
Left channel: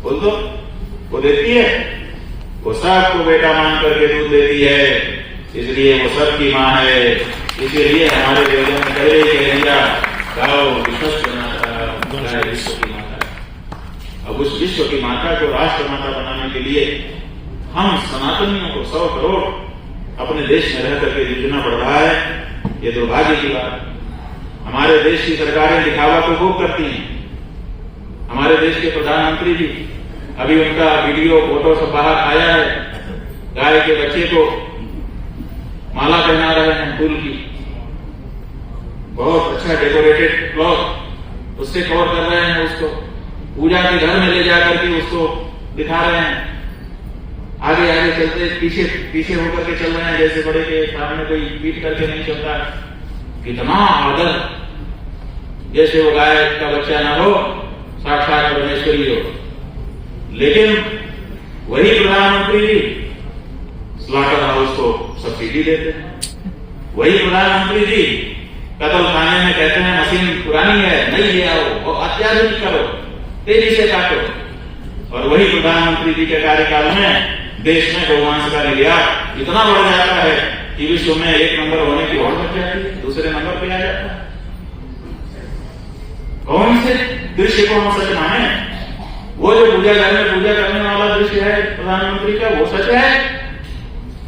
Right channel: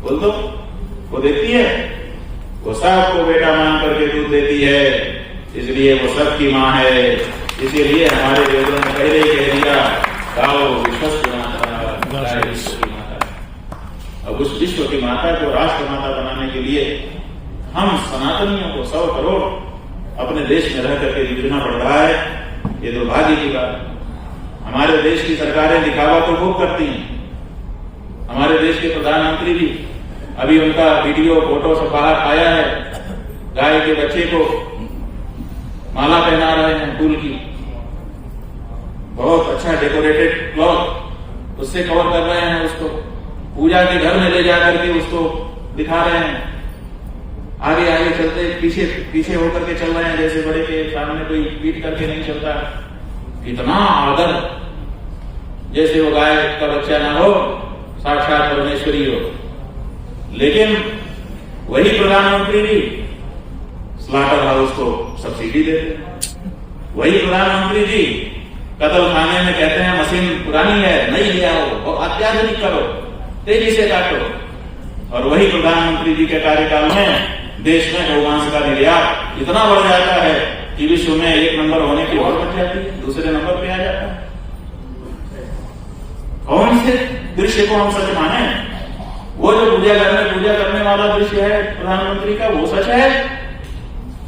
बोल दो, वो देती है, वो सबको बेटा मान करके दूध देती है, इसलिए वो सबकी मां है। इसीलिए हमारे वेदों में पहले ही कह दिया गाओ विश्व माता, गाय विश्व की माता। अब उस विश्व की माता को राष्ट्र माता बनाने के लिए हम सनातनियों को 100 करोड़ अपने देश में रह करके जूझना पड़ रहा है। ये दुर्भाग्य की बात है। हमारे देश की सरकारें दिखावा तो खूब करती हैं। हमारे देश के प्रधानमंत्री जी, अभी उनका वीडियो फोटो सब बाहर आया है, गाय के बच्चे को माला पहना रहे हैं फूल की, बहुत अच्छा डेकोरेटेड क्लॉथ, उससे कवर कर रहे हैं, उसको पूजा के घर में ले जाकर के उसको दिखा रहे हैं। आगे आगे चलते पीछे पीछे होकर के चल रहे हैं, जैसे बड़े के सामने कोई पीट करके नहीं चलता। कितना आदर, जैसे वो गाय का बच्चा ना हो, साक्षात परमेश्वरी हो। लेकिन वही प्रधानमंत्री जी स्लॉटर हाउस को सब्सिडी देते हैं। वही प्रधानमंत्री जी कत्ल खाने में कहते हैं मशीन पुरानी है, नहीं ले आओ, और अत्याधुनिक करो, तेजी से काटो। और वही प्रधानमंत्री जी के कार्यकाल में देश में गौमांस का निर्यात इतना बढ़ जाता है कि विश्व में 1 नंबर होने की और बढ़ जाती है, दूसरे नंबर पे आ जाता है। कौन से दृश्य को हम सच माने? वो जो पूजा घर में पूजा करने वाला दृश्य है प्रधानमंत्री का, वो सच है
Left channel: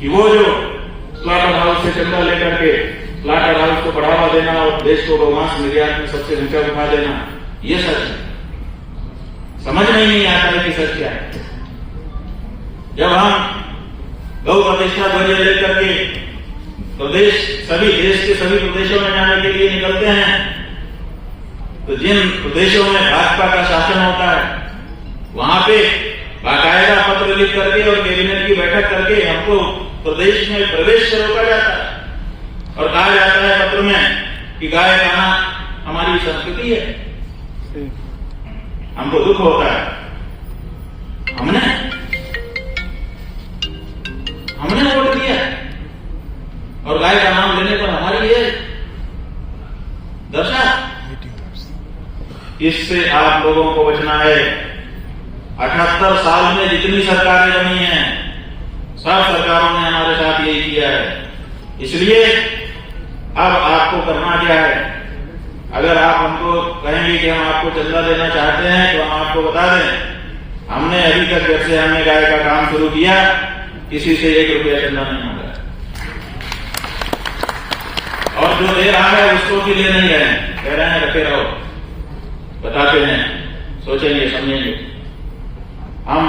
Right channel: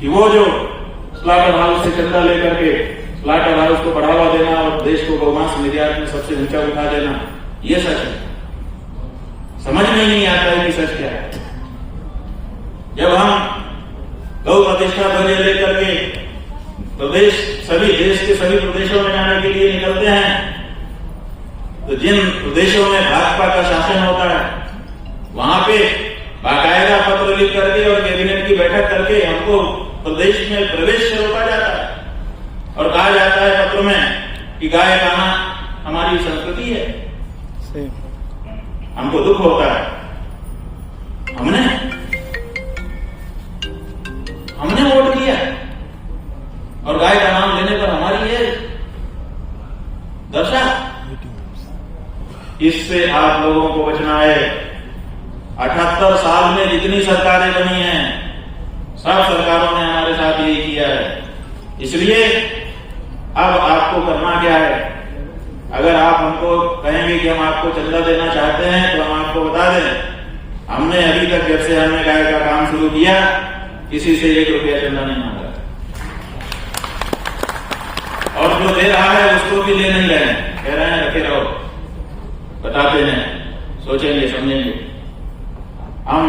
कि वो जो स्लॉटर हाउस से चंदा लेकर के स्लॉटर हाउस को बढ़ावा देना और देश को गौमांस निर्यात में सबसे ऊंचा उठा देना, ये सच है? समझ में नहीं आता है कि सच क्या है। जब हम गौ प्रतिष्ठा ध्वज लेकर के सभी देश के सभी प्रदेशों में जाने के लिए निकलते हैं, तो जिन प्रदेशों में भाजपा का शासन होता है वहां पे बाकायदा पत्र लिख करके और कैबिनेट की बैठक करके हमको प्रदेश में प्रवेश से रोका जाता है और कहा जाता है पत्र में कि गाय खाना हमारी संस्कृति है। हमको दुख होता है। हमने वोट दिया और गाय का नाम लेने पर हमारी ये दशा। इससे आप लोगों को बचना है। 78 साल में जितनी सरकारें बनी हैं, सब सरकारों ने हमारे साथ यही किया है। इसलिए अब आपको करना क्या है? अगर आप हमको कहेंगे कि हम आपको चंदा देना चाहते हैं तो हम आपको बता दें, हमने अभी तक जब से हमने गाय का काम शुरू किया किसी से 1 रुपया चंदा नहीं मांगा, और जो दे रहा है उसको भी ले नहीं गए, कह रहे हैं रखे रहो, बताते हैं, सोचेंगे समझेंगे। हम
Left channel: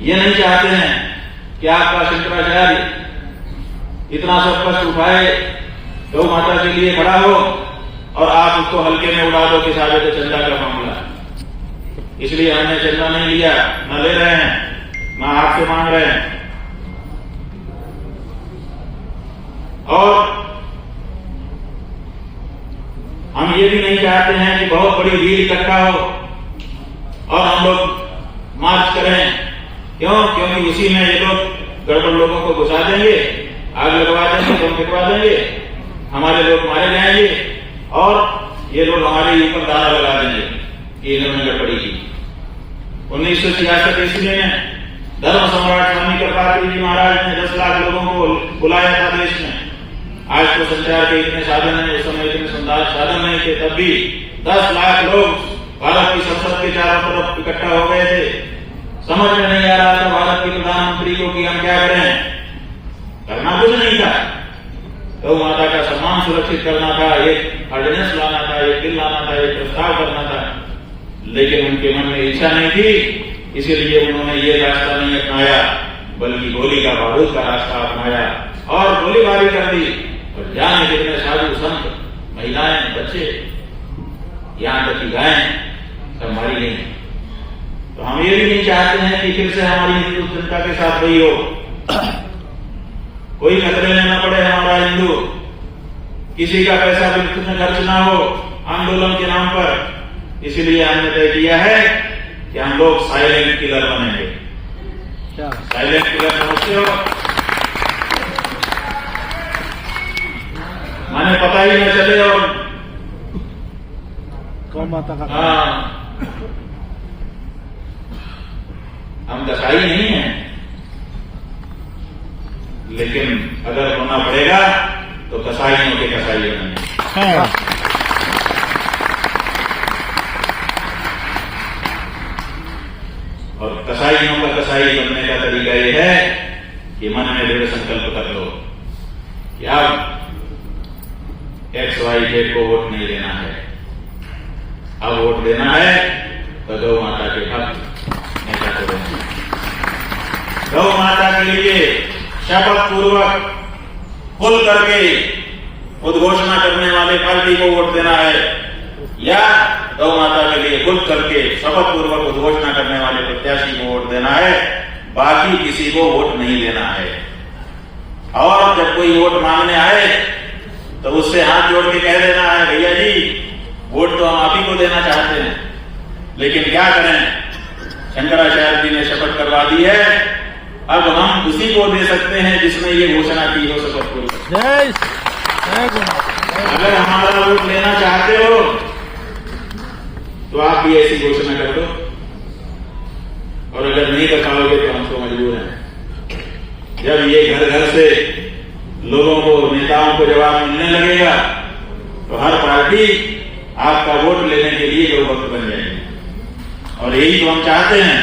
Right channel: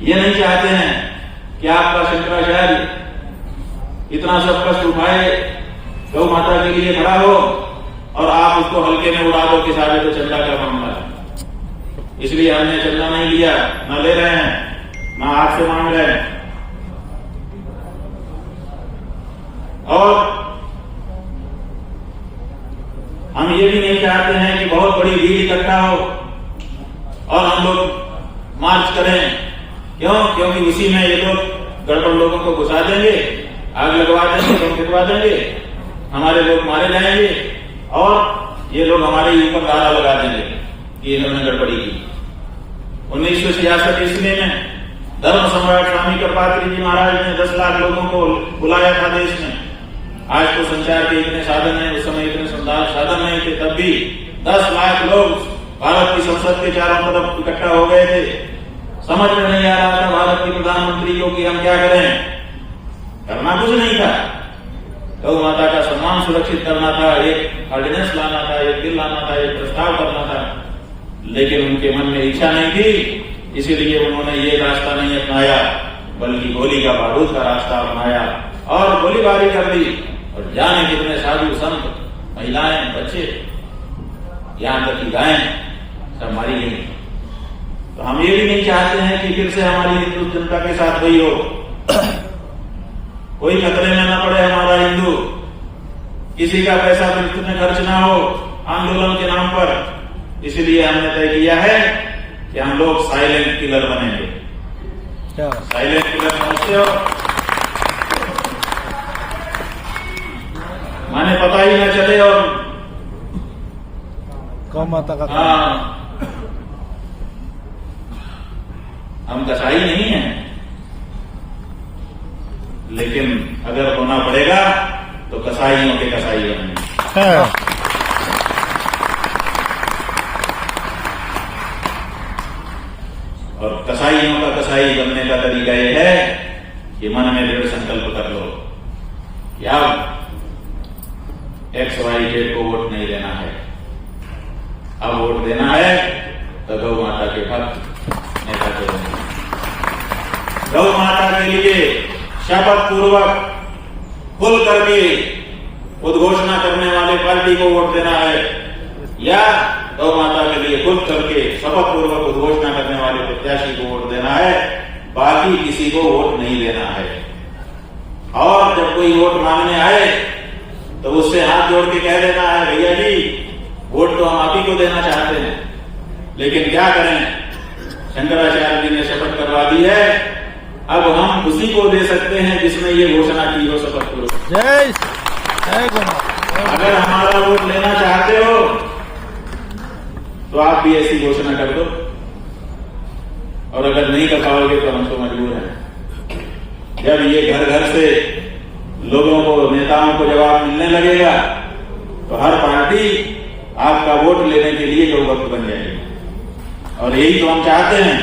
ये नहीं चाहते हैं कि आपका शंकराचार्य इतना सब कष्ट उठाए, गौ माता के लिए खड़ा हो और आप उसको हल्के में उड़ा दो कि सारे तो चंदा का मामला। इसलिए हमने चंदा नहीं लिया, न ले रहे हैं, न आपसे मांग रहे हैं। और हम ये भी नहीं चाहते हैं कि बहुत बड़ी भीड़ इकट्ठा हो और हम लोग मार्च करें। क्यों? क्योंकि उसी में ये लोग गड़बड़ लोगों को घुसा देंगे, आग लगवा देंगे, बम फेंकवा देंगे, हमारे लोग मारे जाएंगे और ये लोग हमारे ऊपर दारा लगा देंगे कि इन्होंने गड़बड़ी की। 1966 ईस्वी में धर्म सम्राट स्वामी कृपात्री जी महाराज ने 10 लाख लोगों को बुलाया था देश में। आज तो संचार के इतने साधन हैं, उस समय इतने साधन नहीं थे, तब भी 10 लाख लोग भारत की संसद के चारों तरफ इकट्ठा हो गए थे। समझ में नहीं आ रहा था भारत के प्रधानमंत्री को कि हम क्या करें, करना कुछ नहीं था, गौ माता का सम्मान सुरक्षित करना था, एक ऑर्डिनेंस लाना था, एक बिल लाना था, एक प्रस्ताव करना था, लेकिन उनके मन में इच्छा नहीं थी, इसीलिए उन्होंने ये रास्ता नहीं अपनाया, बल्कि गोली का बारूद का रास्ता अपनाया और गोलीबारी कर दी। और जाने कितने साधु संत, महिलाएं, बच्चे, यहां तक की गायें सब मारी गई। तो हम ये भी नहीं चाहते हैं कि फिर से हमारी हिंदू जनता के साथ वही हो, कोई खतरे में ना पड़े हमारा हिंदू, किसी का पैसा बिल्कुल में खर्च ना हो आंदोलन के नाम पर। इसलिए हमने तय किया है कि हम लोग साइलेंट किलर बनेंगे। क्या साइलेंट किलर समझते हो? माने पता ही न चले। और गौ माता का हाँ, हम कसाई नहीं हैं, लेकिन अगर होना पड़ेगा तो कसाईयों के कसाई बनेंगे। है। और कसाईयों का कसाई बनने का तरीका यह है कि मन में दृढ़ संकल्प कर लो कि अब XYZ को वोट नहीं देना है, अब वोट देना है तो गौ माता के भक्त नेता को देना। गौ माता के लिए शपथ पूर्वक खुल करके उद्घोषणा करने वाले पार्टी को वोट देना है, या गौ माता के लिए खुद करके शपथ पूर्वक उद्घोषणा करने वाले प्रत्याशी को वोट देना है, बाकी किसी को वोट नहीं देना है। और जब कोई वोट मांगने आए तो उससे हाथ जोड़ के कह देना है, भैया जी वोट तो हम आप ही को देना चाहते हैं, लेकिन क्या करें, शंकराचार्य जी ने शपथ करवा दी है, अब हम उसी को दे सकते हैं जिसने ये घोषणा की हो शपथ पूर्वक। जय जय गौ माता। अगर हमारा वोट लेना चाहते हो तो आप भी ऐसी घोषणा कर दो, और अगर नहीं कर पाओगे तो हम तो मजबूर हैं। जब ये घर घर से लोगों को, नेताओं को जवाब मिलने लगेगा तो हर पार्टी आपका वोट लेने के लिए गौ भक्त बन जाएगी। और यही तो हम चाहते हैं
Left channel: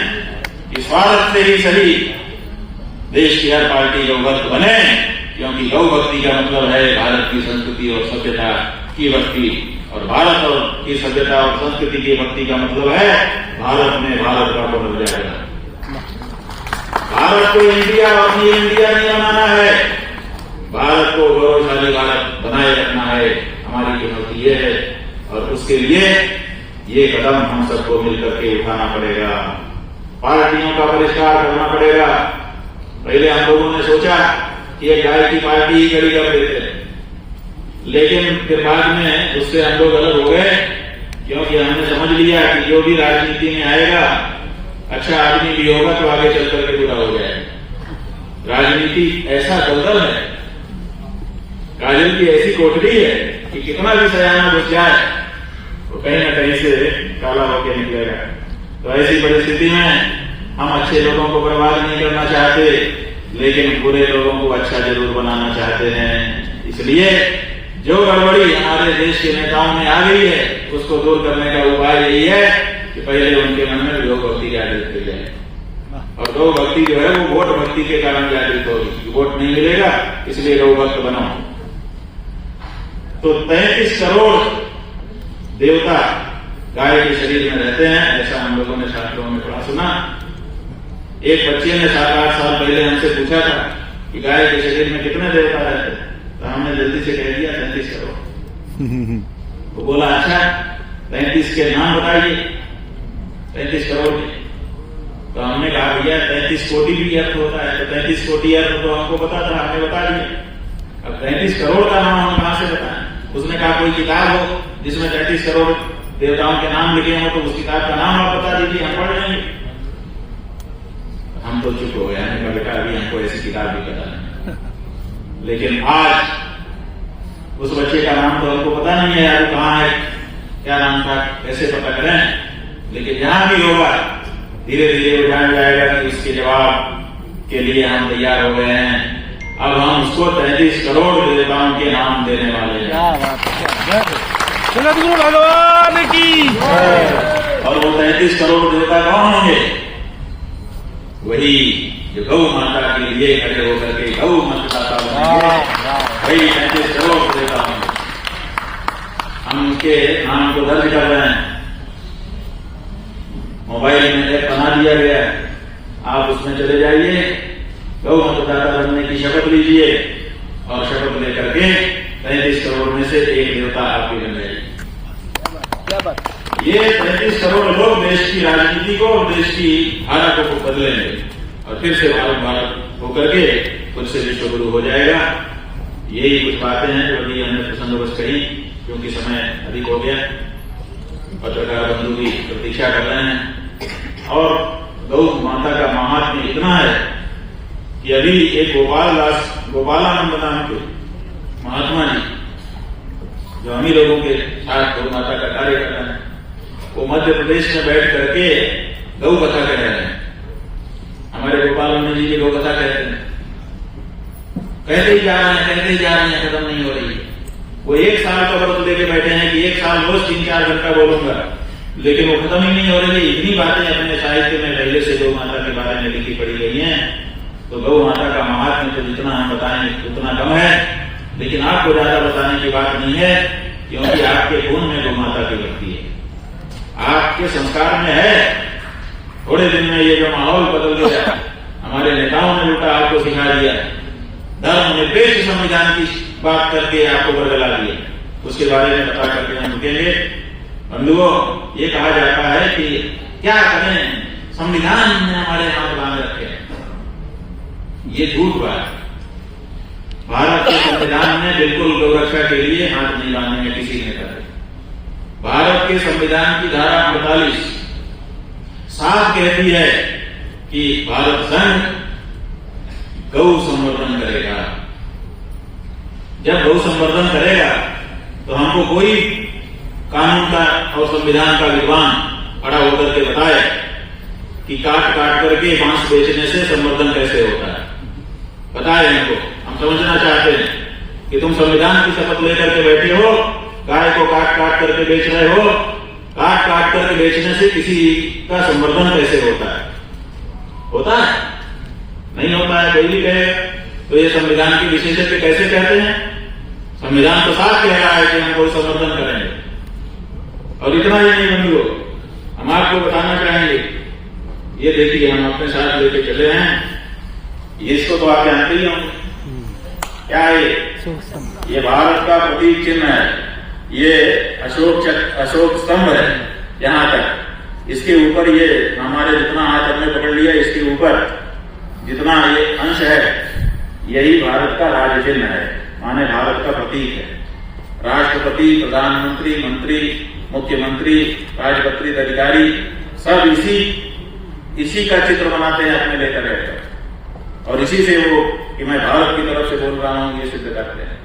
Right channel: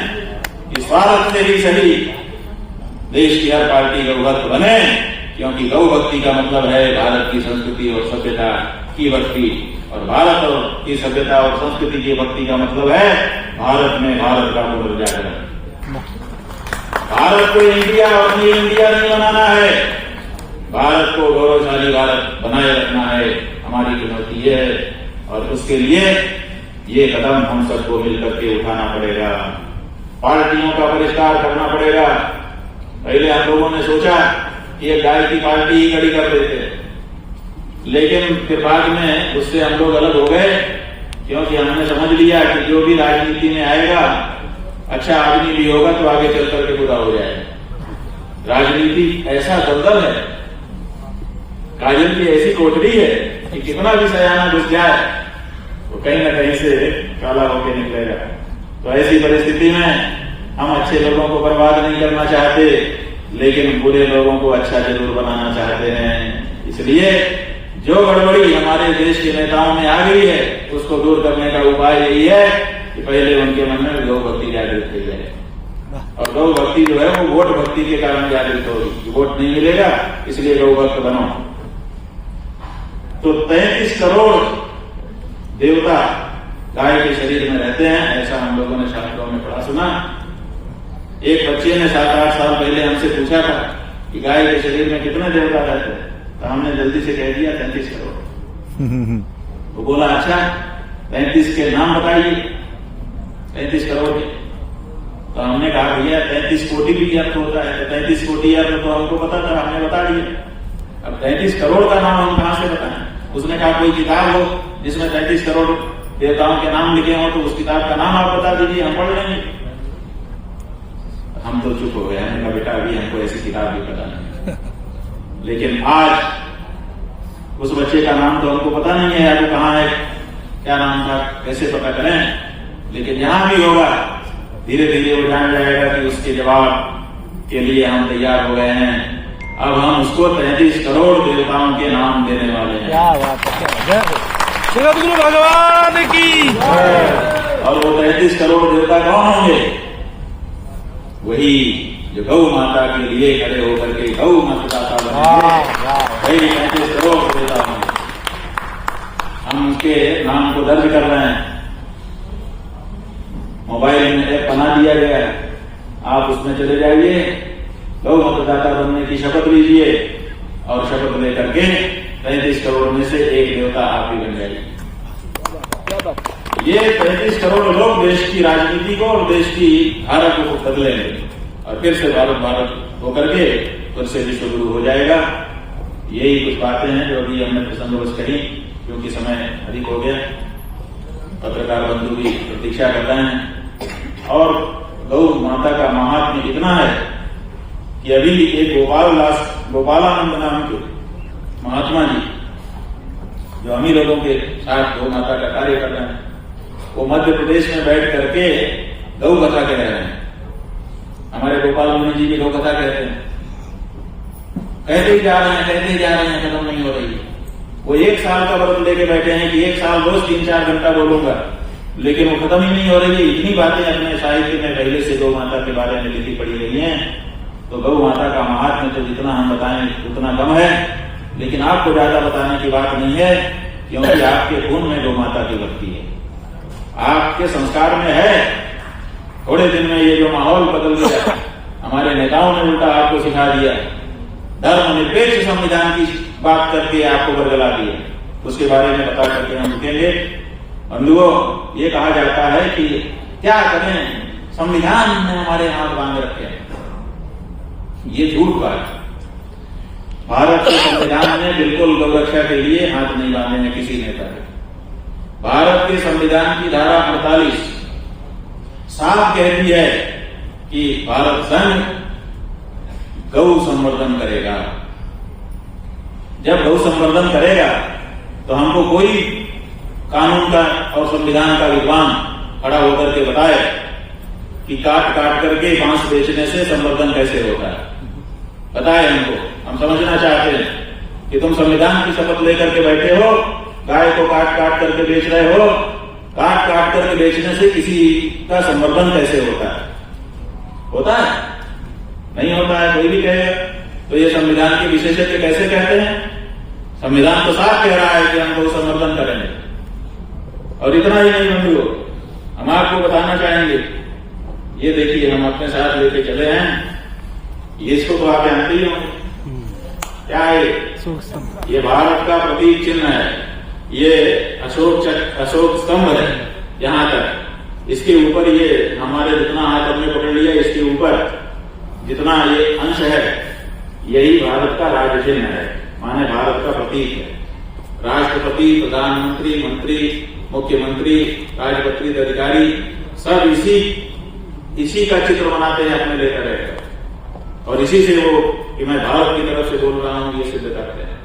कि स्वार्थ से ही सही देश की हर पार्टी गौ भक्त बने, क्योंकि गौ भक्ति का मतलब है भारत की संस्कृति और सभ्यता की भक्ति, और भारत और की सभ्यता और संस्कृति की भक्ति का मतलब है भारत में भारत का पुनर्जागरण। भारत को इंडिया और अपनी इंडिया नहीं बनाना है, भारत को गौरवशाली भारत बनाए रखना है, हमारी चुनौती ये है। और उसके लिए ये कदम हम सबको मिलकर के उठाना पड़ेगा, पार्टियों का परिष्कार करना पड़ेगा। पहले हम लोगों ने सोचा कि एक गाय की पार्टी ही खड़ी कर देते, लेकिन फिर बाद में उससे हम लोग अलग हो गए, क्योंकि हमने समझ लिया कि जो भी राजनीति में आएगा अच्छा आदमी भी होगा तो आगे चल करके बुरा हो जाएगा। राजनीति ऐसा दलदल है, काजल की ऐसी कोठरी है कि कितना भी सयाना घुस जाए वो कहीं ना कहीं से काला होकर निकलेगा। तो ऐसी परिस्थिति में हम अच्छे लोगों को बर्बाद नहीं करना चाहते, लेकिन बुरे लोगों को अच्छा जरूर बनाना चाहते हैं। इसलिए जो गड़बड़ी हमारे देश के नेताओं में आ गई है उसको दूर करने का उपाय यही है कि पहले उनके मन में लोक भक्ति जागृत की जाए। और गौ भक्ति जो है वो वोट भक्ति के कारण जागृत होगी। वोट नहीं मिलेगा इसलिए गौ भक्त बनो। तो 33 करोड़ देवता गाय के शरीर में रहते हैं, ऐसा हम लोगों ने शास्त्रों में पढ़ा सुना। एक बच्चे ने 7-8 साल पहले हमसे पूछा था कि गाय के शरीर में कितने देवता रहते हैं, तो हमने जल्दी से कह दिया 33 करोड़। वो बोला अच्छा 35 के नाम बताइए, 35 करोड़ के। तो हमने कहा भैया 33 कोटि भी अर्थ होता है, तो 33 कोटि अर्थ तो हमको पता था, हमने बता दिया। अब 33 करोड़ का नाम हम कहां से बताएं? उसने कहा कोई किताब हो जिसमें 33 करोड़ देवताओं के नाम लिखे हो तो उस किताब का नाम आप बता दीजिए, हम पढ़ लेंगे। हम तो चुप हो गए, हमने कहा बेटा अभी हमको ऐसी किताब भी पता नहीं। लेकिन आज उस बच्चे का नाम तो हमको पता नहीं है यार, वो कहाँ है, क्या नाम था, कैसे पता करें। लेकिन जहां भी होगा धीरे धीरे वो जान जाएगा कि उसके जवाब के लिए हम तैयार हो गए हैं। अब हम उसको 33 करोड़ देवताओं के नाम देने वाले हैं। भगवान की। और वो 33 करोड़ देवता कौन होंगे? वही जो गौ माता के लिए खड़े होकर के गौ मतदाता बनेंगे, वही 33 करोड़ देवता होंगे। हम उनके नाम को दर्ज कर रहे हैं, मोबाइल में ऐप बना दिया गया है, आप उसमें चले जाइए, गौ मतदाता बनने की शपथ लीजिए और शपथ लेकर के 33 करोड़ में से एक देवता आप ही बन जाइए। क्या बात? ये 33 करोड़ लोग देश की राजनीति को और देश की धारा को बदलेंगे और फिर से भारत होकर के फिर से विश्व गुरु हो जाएगा। यही कुछ बातें हैं जो अभी हमने प्रसंगवश कही, क्योंकि समय अधिक हो गया। पत्रकार बंधु भी प्रतीक्षा कर रहे हैं। और गौ माता का महात्म्य इतना है कि अभी एक गोपालानंद नाम के महात्मा जी जो हम ही लोगों के साथ गौ माता का कार्य कर रहे हैं, वो मध्य प्रदेश में बैठ करके गौ कथा कह रहे हैं। हमारे गोपालानंद जी की गौ कथा कहते हैं, कहते ही जा रहे हैं, खत्म नहीं हो रही है। वो 1 साल का व्रत लेके बैठे हैं कि 1 साल रोज 3-4 घंटा बोलूंगा, लेकिन वो खत्म ही नहीं हो रही है। इतनी बातें अपने साहित्य में पहले से गौ माता के बारे में लिखी पड़ी गई हैं। तो गौ माता का महात्म्य तो जितना हम बताएं उतना कम है, लेकिन आपको ज्यादा बताने की बात नहीं है, क्योंकि आपके खून में गौ माता की भक्ति है, आपके संस्कार में है। थोड़े दिन में ये जो माहौल बदल गया, हमारे नेताओं ने उल्टा आपको सिखा दिया, धर्मनिरपेक्ष संविधान की बात करके आपको बरगला दिए। उसके बारे में बता करके हम रुकेंगे। बंधुओं, ये कहा जाता है कि क्या करें, संविधान ने हमारे हाथ बांध रखे हैं। ये झूठ बात। भारत के संविधान ने बिल्कुल गौरक्षा के लिए हाथ नहीं बांधे हैं किसी नेता ने। भारत के संविधान की धारा 48 साफ कहती है कि भारत संघ गौ संवर्धन करेगा। जब गौ संवर्धन करेगा तो हमको कोई कानून का और संविधान का विद्वान खड़ा होकर के बताए कि काट करके बांस बेचने से संवर्धन कैसे होता है। बताए हमको, हम समझना चाहते हैं कि तुम संविधान की शपथ लेकर के बैठे हो, गाय को काट करके बेच रहे हो, काट करके बेचने से किसी का संवर्धन कैसे होता है? होता है? नहीं होता है। कोई भी कहे तो ये संविधान के विशेषज्ञ कैसे कहते हैं? संविधान तो साफ कह रहा है कि हम गौ संवर्धन करेंगे। और इतना ही नहीं बंधुओं, हम आपको बताना चाहेंगे, ये देखिए हम अपने साथ लेके चले हैं, इसको तो आप जानते ही होंगे क्या है। ये भारत का प्रतीक चिन्ह है, ये अशोक स्तंभ है। यहां तक इसके ऊपर ये हमारे जितना हाथ हमने पकड़ लिया, इसके ऊपर जितना ये अंश है, यही भारत का राज चिन्ह है, माने भारत का प्रतीक है। राष्ट्रपति, प्रधानमंत्री, मंत्री, मुख्यमंत्री, राजपत्रित अधिकारी सब इसी का चित्र बनाते हैं अपने लेकर रहकर, और इसी से वो कि मैं भारत की तरफ से बोल रहा हूं ये सिद्ध करते हैं।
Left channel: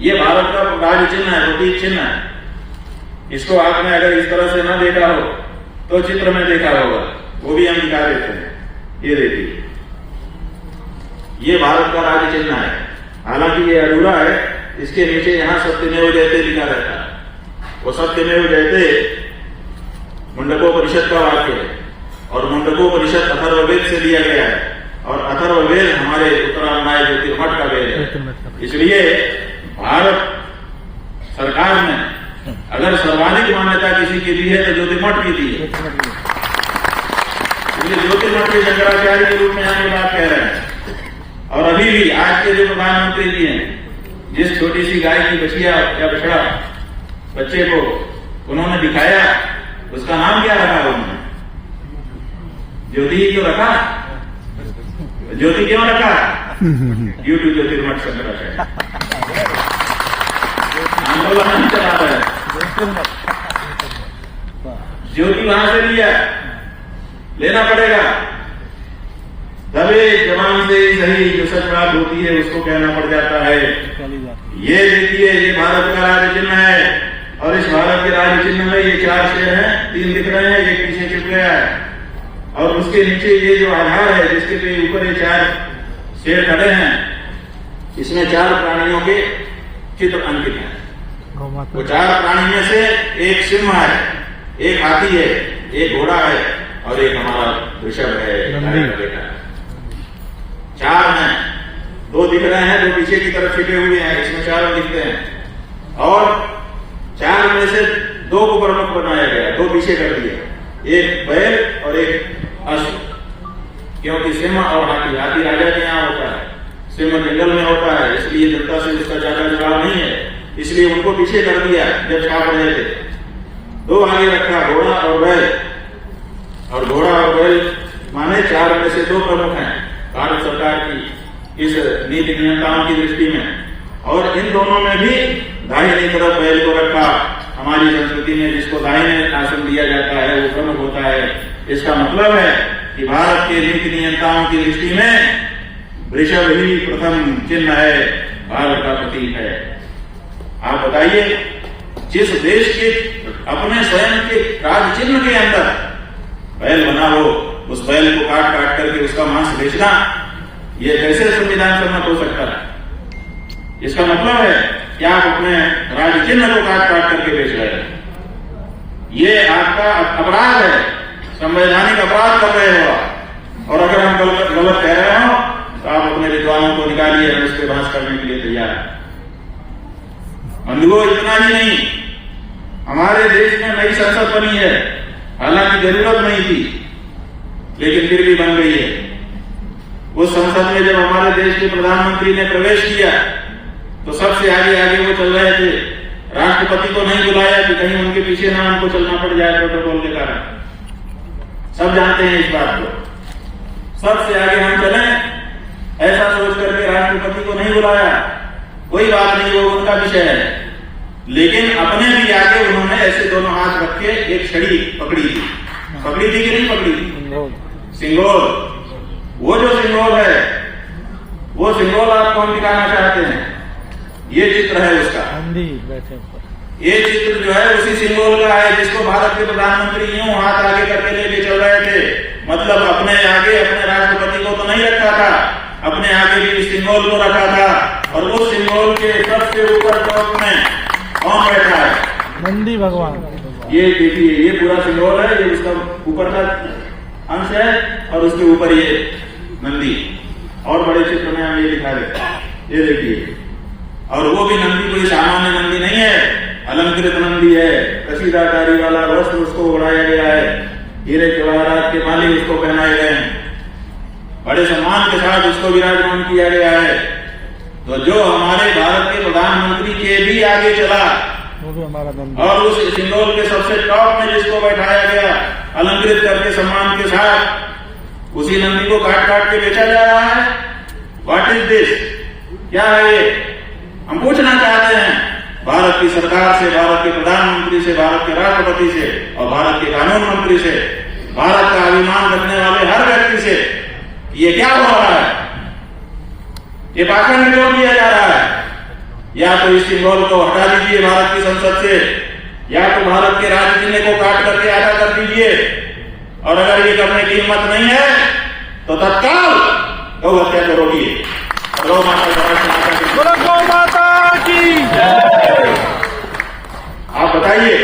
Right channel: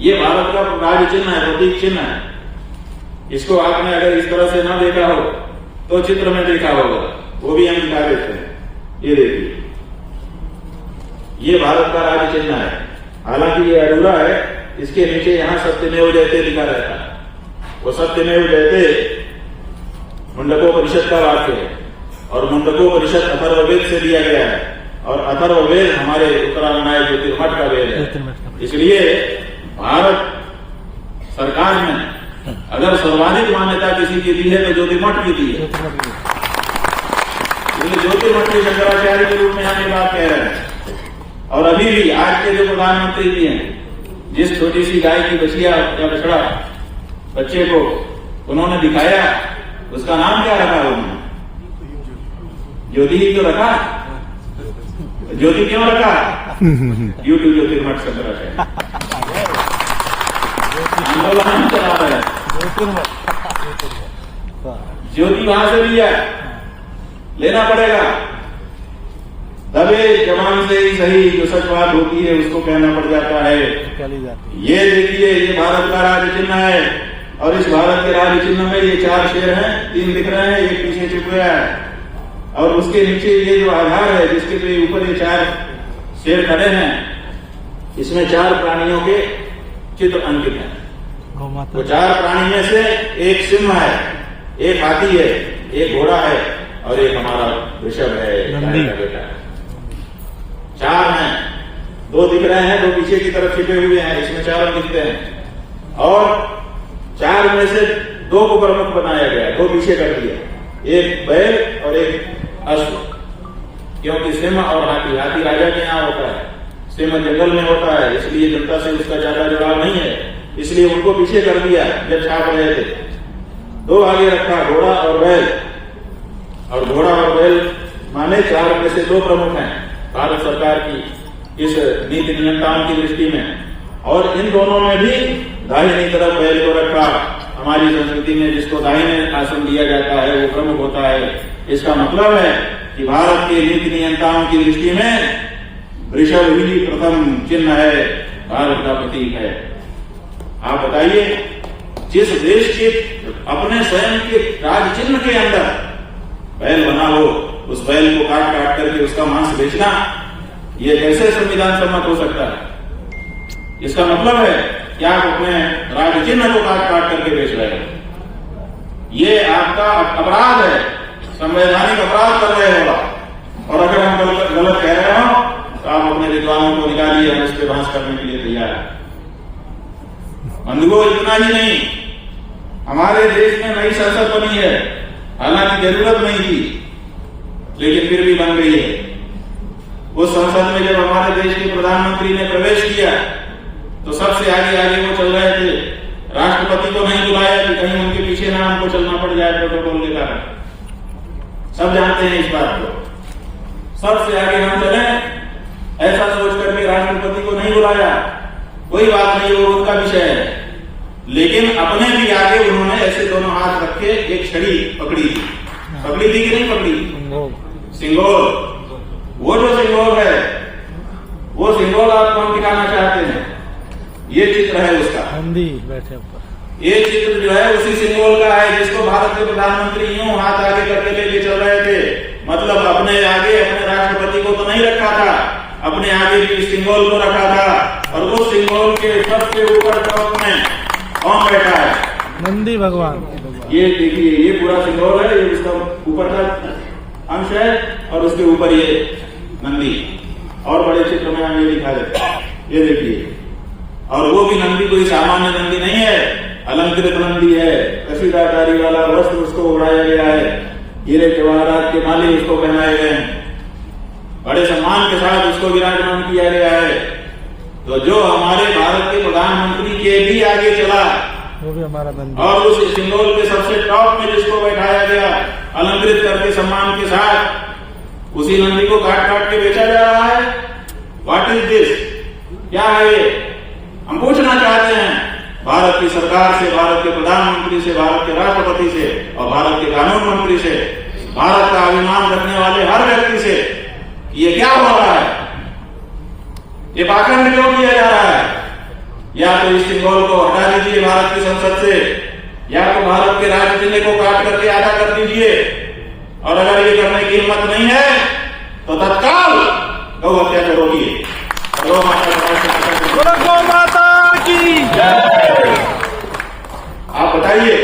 ये भारत का राज चिन्ह है, प्रतीक चिन्ह है। इसको आपने अगर इस तरह से ना देखा हो तो चित्र में देखा होगा, वो भी हम दिखा देते हैं। ये देखिए, ये भारत का राज चिन्ह है। हालांकि ये अधूरा है, इसके नीचे यहां सत्यमेव जयते लिखा रहता है। वो सत्यमेव जयते मुंडकोपनिषद का वाक्य है और मुंडकोपनिषद अथर्ववेद से लिया गया है, और अथर्ववेद हमारे उत्तरायणाय ज्योतिर्मठ का वेद है। इसलिए भारत सरकार ने अगर सर्वाधिक मान्यता किसी की दी है तो ज्योतिर्मठ की दी है। इसलिए ज्योतिर्मठ के शंकराचार्य के रूप में हम ये बात कह रहे हैं। और अभी भी आज के जो प्रधानमंत्री जी हैं, जिस छोटी सी गाय की बछिया या बछड़ा बच्चे को उन्होंने दिखाया, उसका नाम क्या रखा उन्होंने? ज्योति ही क्यों रखा? ज्योति क्यों रखा? यूट्यूब ज्योतिर्मठ शंकराचार्य आंदोलन नहीं चला रहा है। ज्योति वहां से लिया, लेना पड़ेगा। दबे जवान से ही सही, जो सच बात होती है उसको कहना पड़ जाता है। ये देखिए, ये भारत का राज चिन्ह है, और इस भारत के राज चिन्ह में ये 4 शेर हैं, 3 दिख रहे हैं, एक पीछे छिप गया है, और उसके नीचे ये जो आधार है जिसके पे ऊपर ये 4 शेर खड़े हैं, इसमें 4 प्राणियों के चित्र अंकित हैं। वो 4 प्राणी में से एक सिंह है, एक हाथी है, एक घोड़ा है, और एक हमारा वृषभ है, बेटा है। 4 हैं, 2 दिख रहे हैं, 2 पीछे की तरफ छिपे हुए हैं, इसमें 4 दिखते हैं। और 4 में से 2 को प्रमुख बनाया गया, 2 पीछे कर दिया, एक बैल और एक अश्व। क्योंकि सिंह और हाथी राजा के यहाँ होता है, सिंह जंगल में होता है, इसलिए जनता से उसका ज्यादा जवाब नहीं है, इसलिए उनको पीछे कर दिया जब छाप रहे थे। 2 आगे रखा, घोड़ा और बैल। और घोड़ा और बैल माने 4 में से 2 प्रमुख हैं भारत सरकार की इस नीति नियंत्रणाओं की दृष्टि में। और इन दोनों में भी दाहिनी तरफ बैल को रखा। हमारी संस्कृति में जिसको दाहिने आसन दिया जाता है वो प्रमुख होता है। इसका मतलब है कि भारत के नीति नियंत्रणाओं की दृष्टि में वृषभ ही प्रथम चिन्ह है, भारत का प्रतीक है। आप बताइए, जिस देश के अपने स्वयं के राज चिन्ह के अंदर बैल बना हो, उस बैल को काट काट करके उसका मांस बेचना, ये कैसे संविधान सम्मत हो सकता है? इसका मतलब है कि आप अपने राज चिन्ह को काट काट करके बेच रहे हैं। ये आपका अपराध है, संवैधानिक अपराध कर रहे हो आप। और अगर हम गलत कह रहे हो तो आप अपने विद्वानों को निकालिए, हम इस पर बहस करने के लिए तैयार है। बंधुओं, इतना ही नहीं, हमारे देश में नई संसद बनी है, हालांकि जरूरत नहीं थी, लेकिन फिर भी बन गई है। उस संसद में जब हमारे देश के प्रधानमंत्री ने प्रवेश किया तो सबसे आगे आगे वो चल रहे थे। राष्ट्रपति को नहीं बुलाया कि कहीं उनके पीछे ना हमको चलना पड़ जाए प्रोटोकॉल के कारण। सब जानते हैं इस बात को। सबसे आगे हम चले, ऐसा सोच करके राष्ट्रपति को नहीं बुलाया, कोई बात नहीं, वो उनका विषय है। लेकिन अपने भी आगे उन्होंने ऐसे दोनों हाथ रख के एक छड़ी पकड़ी थी। पकड़ी थी कि नहीं पकड़ी थी? सिंगोल। वो जो सिंगोल है, वो सिंगोल आप कौन दिखाना चाहते हैं? ये चित्र है उसका। ये चित्र जो है उसी सिंगोल का है, जिसको भारत के प्रधानमंत्री यूं हाथ आगे करके लेके चल रहे थे। मतलब अपने आगे अपने राष्ट्रपति को तो नहीं रखा था, अपने आगे भी इस सिंगोल को रखा था। और उस सिंगोल के सबसे ऊपर टॉप में कौन बैठा है? नंदी भगवान। ये देखिए, ये पूरा सिंगोल है, ये उसका ऊपर का अंश है, और उसके ऊपर ये नंदी। और बड़े चित्र में हम ये दिखा देते हैं, ये देखिए। और वो भी नंदी कोई सामान्य नंदी नहीं है, अलंकृत नंदी है, कसीदाकारी वाला वस्त्र उसको उड़ाया गया है, हीरे जवाहरात के माले उसको पहनाए गए हैं, बड़े सम्मान के साथ उसको विराजमान किया गया है। तो जो हमारे भारत के प्रधानमंत्री के भी आगे चला, वो भी हमारा नंदी। और उस सिंगोल के सबसे टॉप में जिसको बैठाया गया अलंकृत करके सम्मान के साथ, उसी नंदी को काट काट के बेचा जा रहा है। What is this? क्या है ये? हम पूछना चाहते हैं भारत की सरकार से, भारत के प्रधानमंत्री से, भारत के राष्ट्रपति से, और भारत के कानून मंत्री से, भारत का अभिमान रखने वाले हर व्यक्ति से, ये क्या हो रहा है? ये पाखंड क्यों किया जा रहा है? या तो इस सिंबल को हटा दीजिए भारत की संसद से, या तो भारत के राज्य चिन्ह को काट करके आधा कर दीजिए। और अगर ये करने की हिम्मत नहीं है तो तत्काल गौ हत्या को रोकिए। गौ माता की जय। आप बताइए,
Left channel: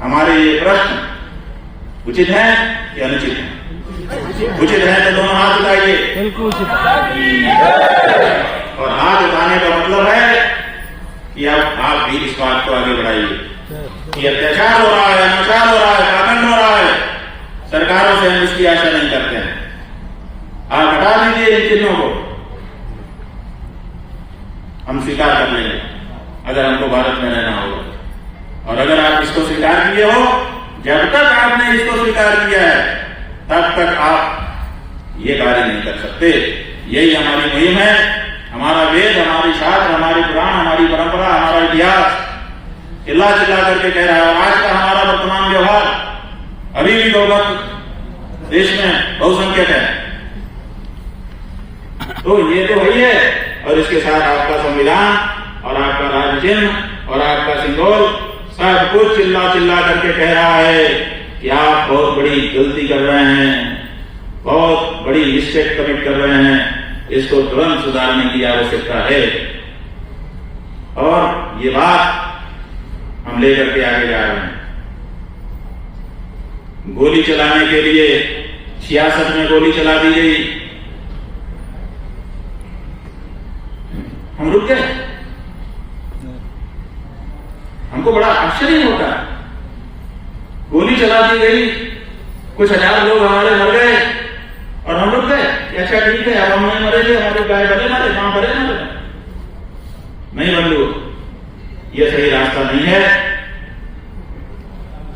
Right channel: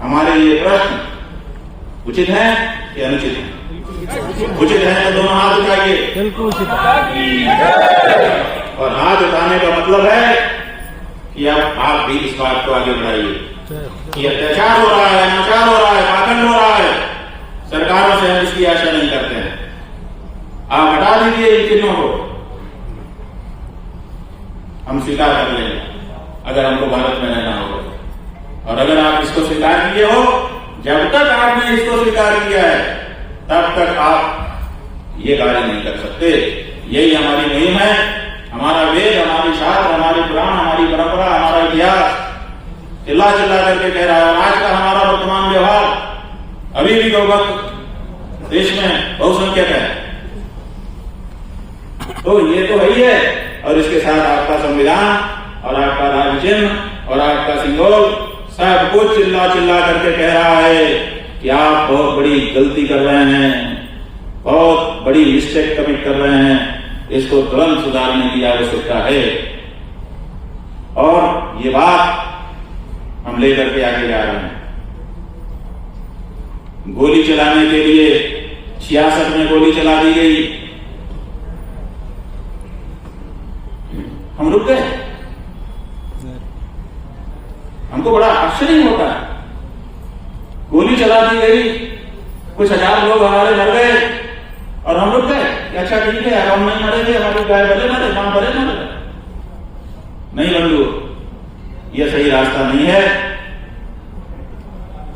हमारे ये प्रश्न उचित है कि अनुचित है? उचित है तो दोनों हाथ उठाइए। बिल्कुल उचित है। और हाथ उठाने का मतलब है कि आप भी इस बात को आगे बढ़ाइए कि अत्याचार हो रहा है, अनाचार हो रहा है, पाखंड हो रहा है, सरकारों से हम इसकी आशा नहीं करते हैं। आप हटा दीजिए इन चिन्हों को, हम स्वीकार कर लेंगे अगर हमको भारत में रहना होगा। और अगर आप इसको स्वीकार किए हो, जब तक आपने इसको स्वीकार किया है तब तक आप ये कार्य नहीं कर सकते। यही हमारी मुहिम है, हमारा वेद, हमारी शास्त्र, हमारी पुराण, हमारी परंपरा, हमारा इतिहास चिल्ला चिल्ला करके कह रहा है। और आज का हमारा वर्तमान व्यवहार अभी भी बहुमत देश में बहुसंख्यक है, तो ये तो वही है। और इसके साथ आपका संविधान और आपका राज्य चिन्ह और आपका सिंबल सब कुछ चिल्ला चिल्ला करके कह रहा है कि आप बहुत बड़ी गलती कर रहे हैं, बहुत बड़ी मिस्टेक कमिट कर रहे हैं, इसको तुरंत सुधारने की आवश्यकता है। और ये बात हम लेकर के आगे जा रहे हैं। गोली चलाने के लिए 66 में गोली चला दी गई, हम रुक गए। हमको बड़ा आश्चर्य होता है, गोली चला दी गई, कुछ हजार लोग हमारे मर गए और हम रुक गए। अच्छा ठीक है, अब हम नहीं मरेंगे, हमारी गाय भले मरे, मां भले मरे। नहीं बंधु, यह सही रास्ता नहीं है।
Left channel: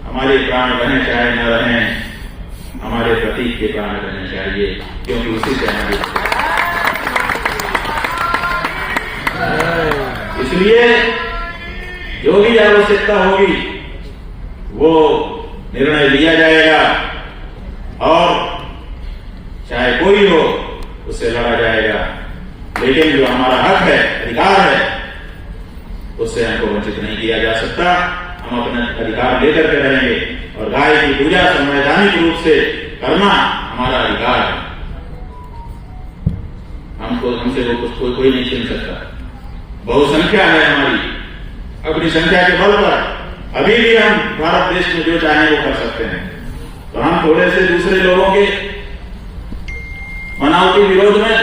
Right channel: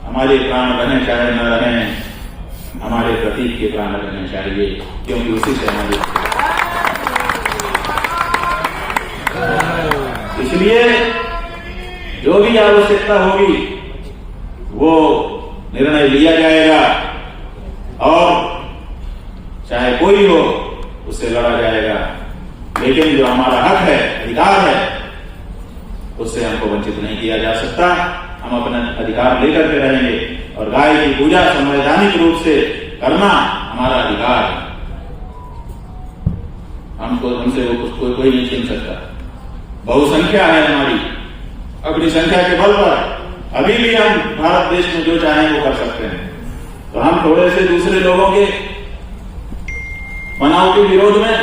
हमारे प्राण रहें चाहे न रहें, हमारे प्रतीक के प्राण रहने चाहिए, क्योंकि उसी से हमारे। इसलिए जो भी आवश्यकता होगी वो निर्णय लिया जाएगा और चाहे कोई हो उससे लड़ा जाएगा। लेकिन जो हमारा हक है, अधिकार है, उससे हमको वंचित नहीं किया जा सकता। हम अपने अधिकार लेकर के रहेंगे और गाय की पूजा संवैधानिक रूप से करना हमारा अधिकार है। हमसे वो कोई नहीं छीन सकता। बहुसंख्या है हमारी, अपनी संख्या के बल पर अभी भी हम भारत देश में जो चाहें वो कर सकते हैं। तो हम थोड़े से दूसरे लोगों के बनावटी विरोध में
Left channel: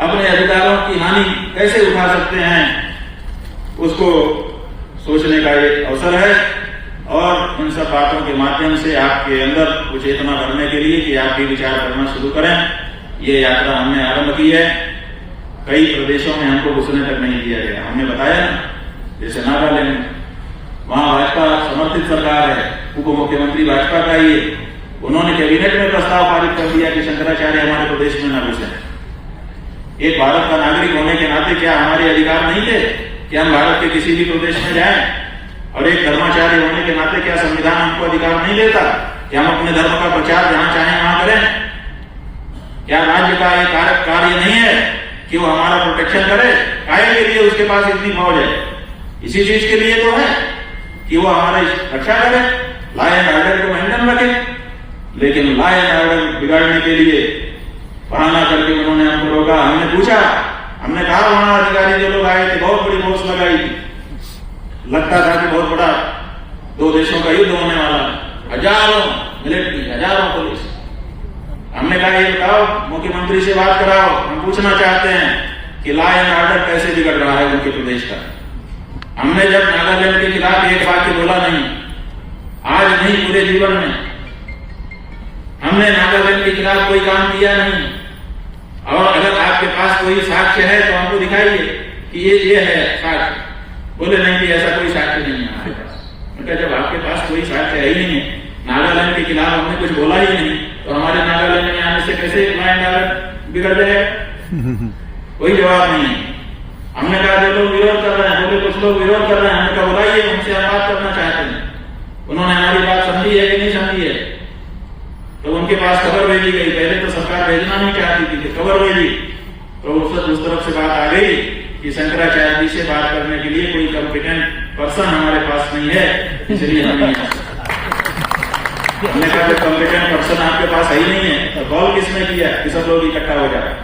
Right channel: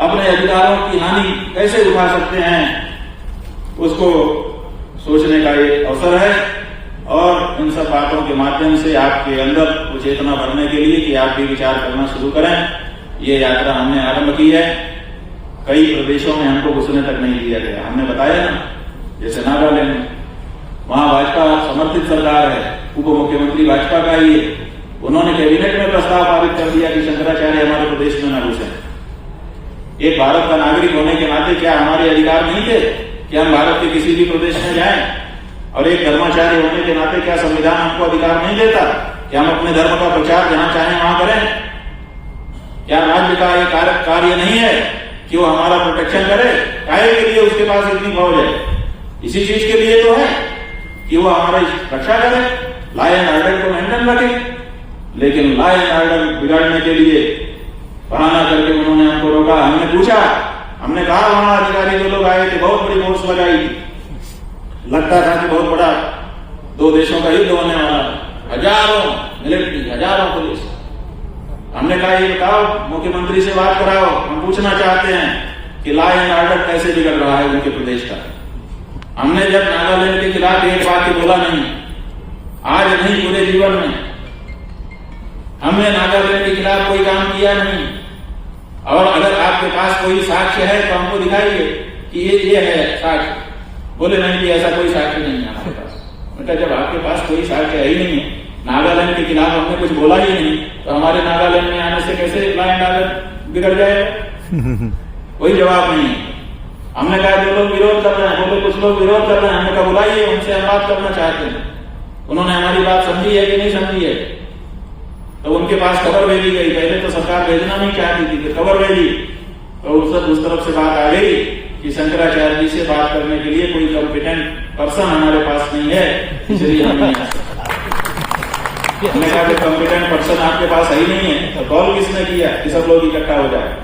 अपने अधिकारों की हानि कैसे उठा सकते हैं, उसको सोचने का एक अवसर है। और इन सब बातों के माध्यम से आपके अंदर कुछ चेतना भरने के लिए कि आप भी विचार करना शुरू करें। ये यात्रा हमने आरंभ की है। कई प्रदेशों में हमको घुसने तक नहीं दिया गया। हमने बताया ना, जैसे नागालैंड, वहां भाजपा समर्थित सरकार है, उप मुख्यमंत्री भाजपा का ही है। उन्होंने कैबिनेट में प्रस्ताव पारित कर दिया कि शंकराचार्य हमारे प्रदेश में न घुसे। एक भारत का नागरिक होने के नाते क्या हमारे अधिकार नहीं थे कि हम भारत के किसी भी प्रदेश में जाएं? और एक धर्माचार्य होने के नाते क्या संविधान हमको अधिकार नहीं देता कि हम अपने धर्म का प्रचार जहां चाहें वहां करें? क्या राज्य का ये कार्य नहीं है कि वो हमारा प्रोटेक्शन करे? काहे के लिए उसके पास इतनी फौज है? इसी चीज के लिए तो है कि वो हमारी रक्षा करे, लॉ एंड ऑर्डर को मेंटेन रखे। लेकिन लॉ एंड ऑर्डर बिगाड़ने के लिए बहाना करके उन्होंने हमको रोका। हमने पूछा, हमने कहा वहां अधिकारी जो लोग आए थे, बहुत बड़ी फोर्स लगाई, लगता था कि बहुत बड़ा दो देशों का युद्ध होने वाला, हजारों मिलिट्री, हजारों पुलिस। हमने कहा ये बताओ, मुख्यमंत्री से बात कराओ, हम पूछना चाहते हैं कि लॉ एंड ऑर्डर कैसे बिगड़ रहा है उनके प्रदेश का। हमने जब नागालैंड के खिलाफ एक वाक्य बोला नहीं, आज नहीं पूरे जीवन में हमने नागालैंड के खिलाफ कोई काम किया नहीं। और अगर आपके पास कोई साक्ष्य है तो हमको दिखाइए कि ये है साक्ष्य। बोले नहीं कि ऐसा कोई साक्ष्य नहीं है हमारे पास। मतलब जब आपके पास कोई साक्ष्य है ही नहीं है, नागालैंड के खिलाफ हमने कुछ बोला ही नहीं, तो हमारे नागालैंड में आने से कैसे लॉ एंड ऑर्डर बिगड़ जाएगा? कोई जवाब नहीं है। हमने कहा जो लोग विरोध कर रहे हैं, बोले कुछ लोग विरोध कर रहे हैं। हमने कहा बुलाइए, उनसे हम बात करना चाहते हैं। उन्होंने हमारी बात समझी है कि नहीं समझी है? तो उनके पास खबर भेजी गई। पहले तो सरकार भेजना नहीं चाहती थी, खबर भेजी तो उस तरफ से बात आ गई कि शंकराचार्य जी से बात करने के लिए कोई कॉम्पिटेंट पर्सन हमारे पास नहीं है, इसलिए हम नहीं आ सकते। हमने कहा कॉम्पिटेंट पर्सन आपके पास ही नहीं है तो कॉल किसने किया कि सब लोग इकट्ठा हो जाए?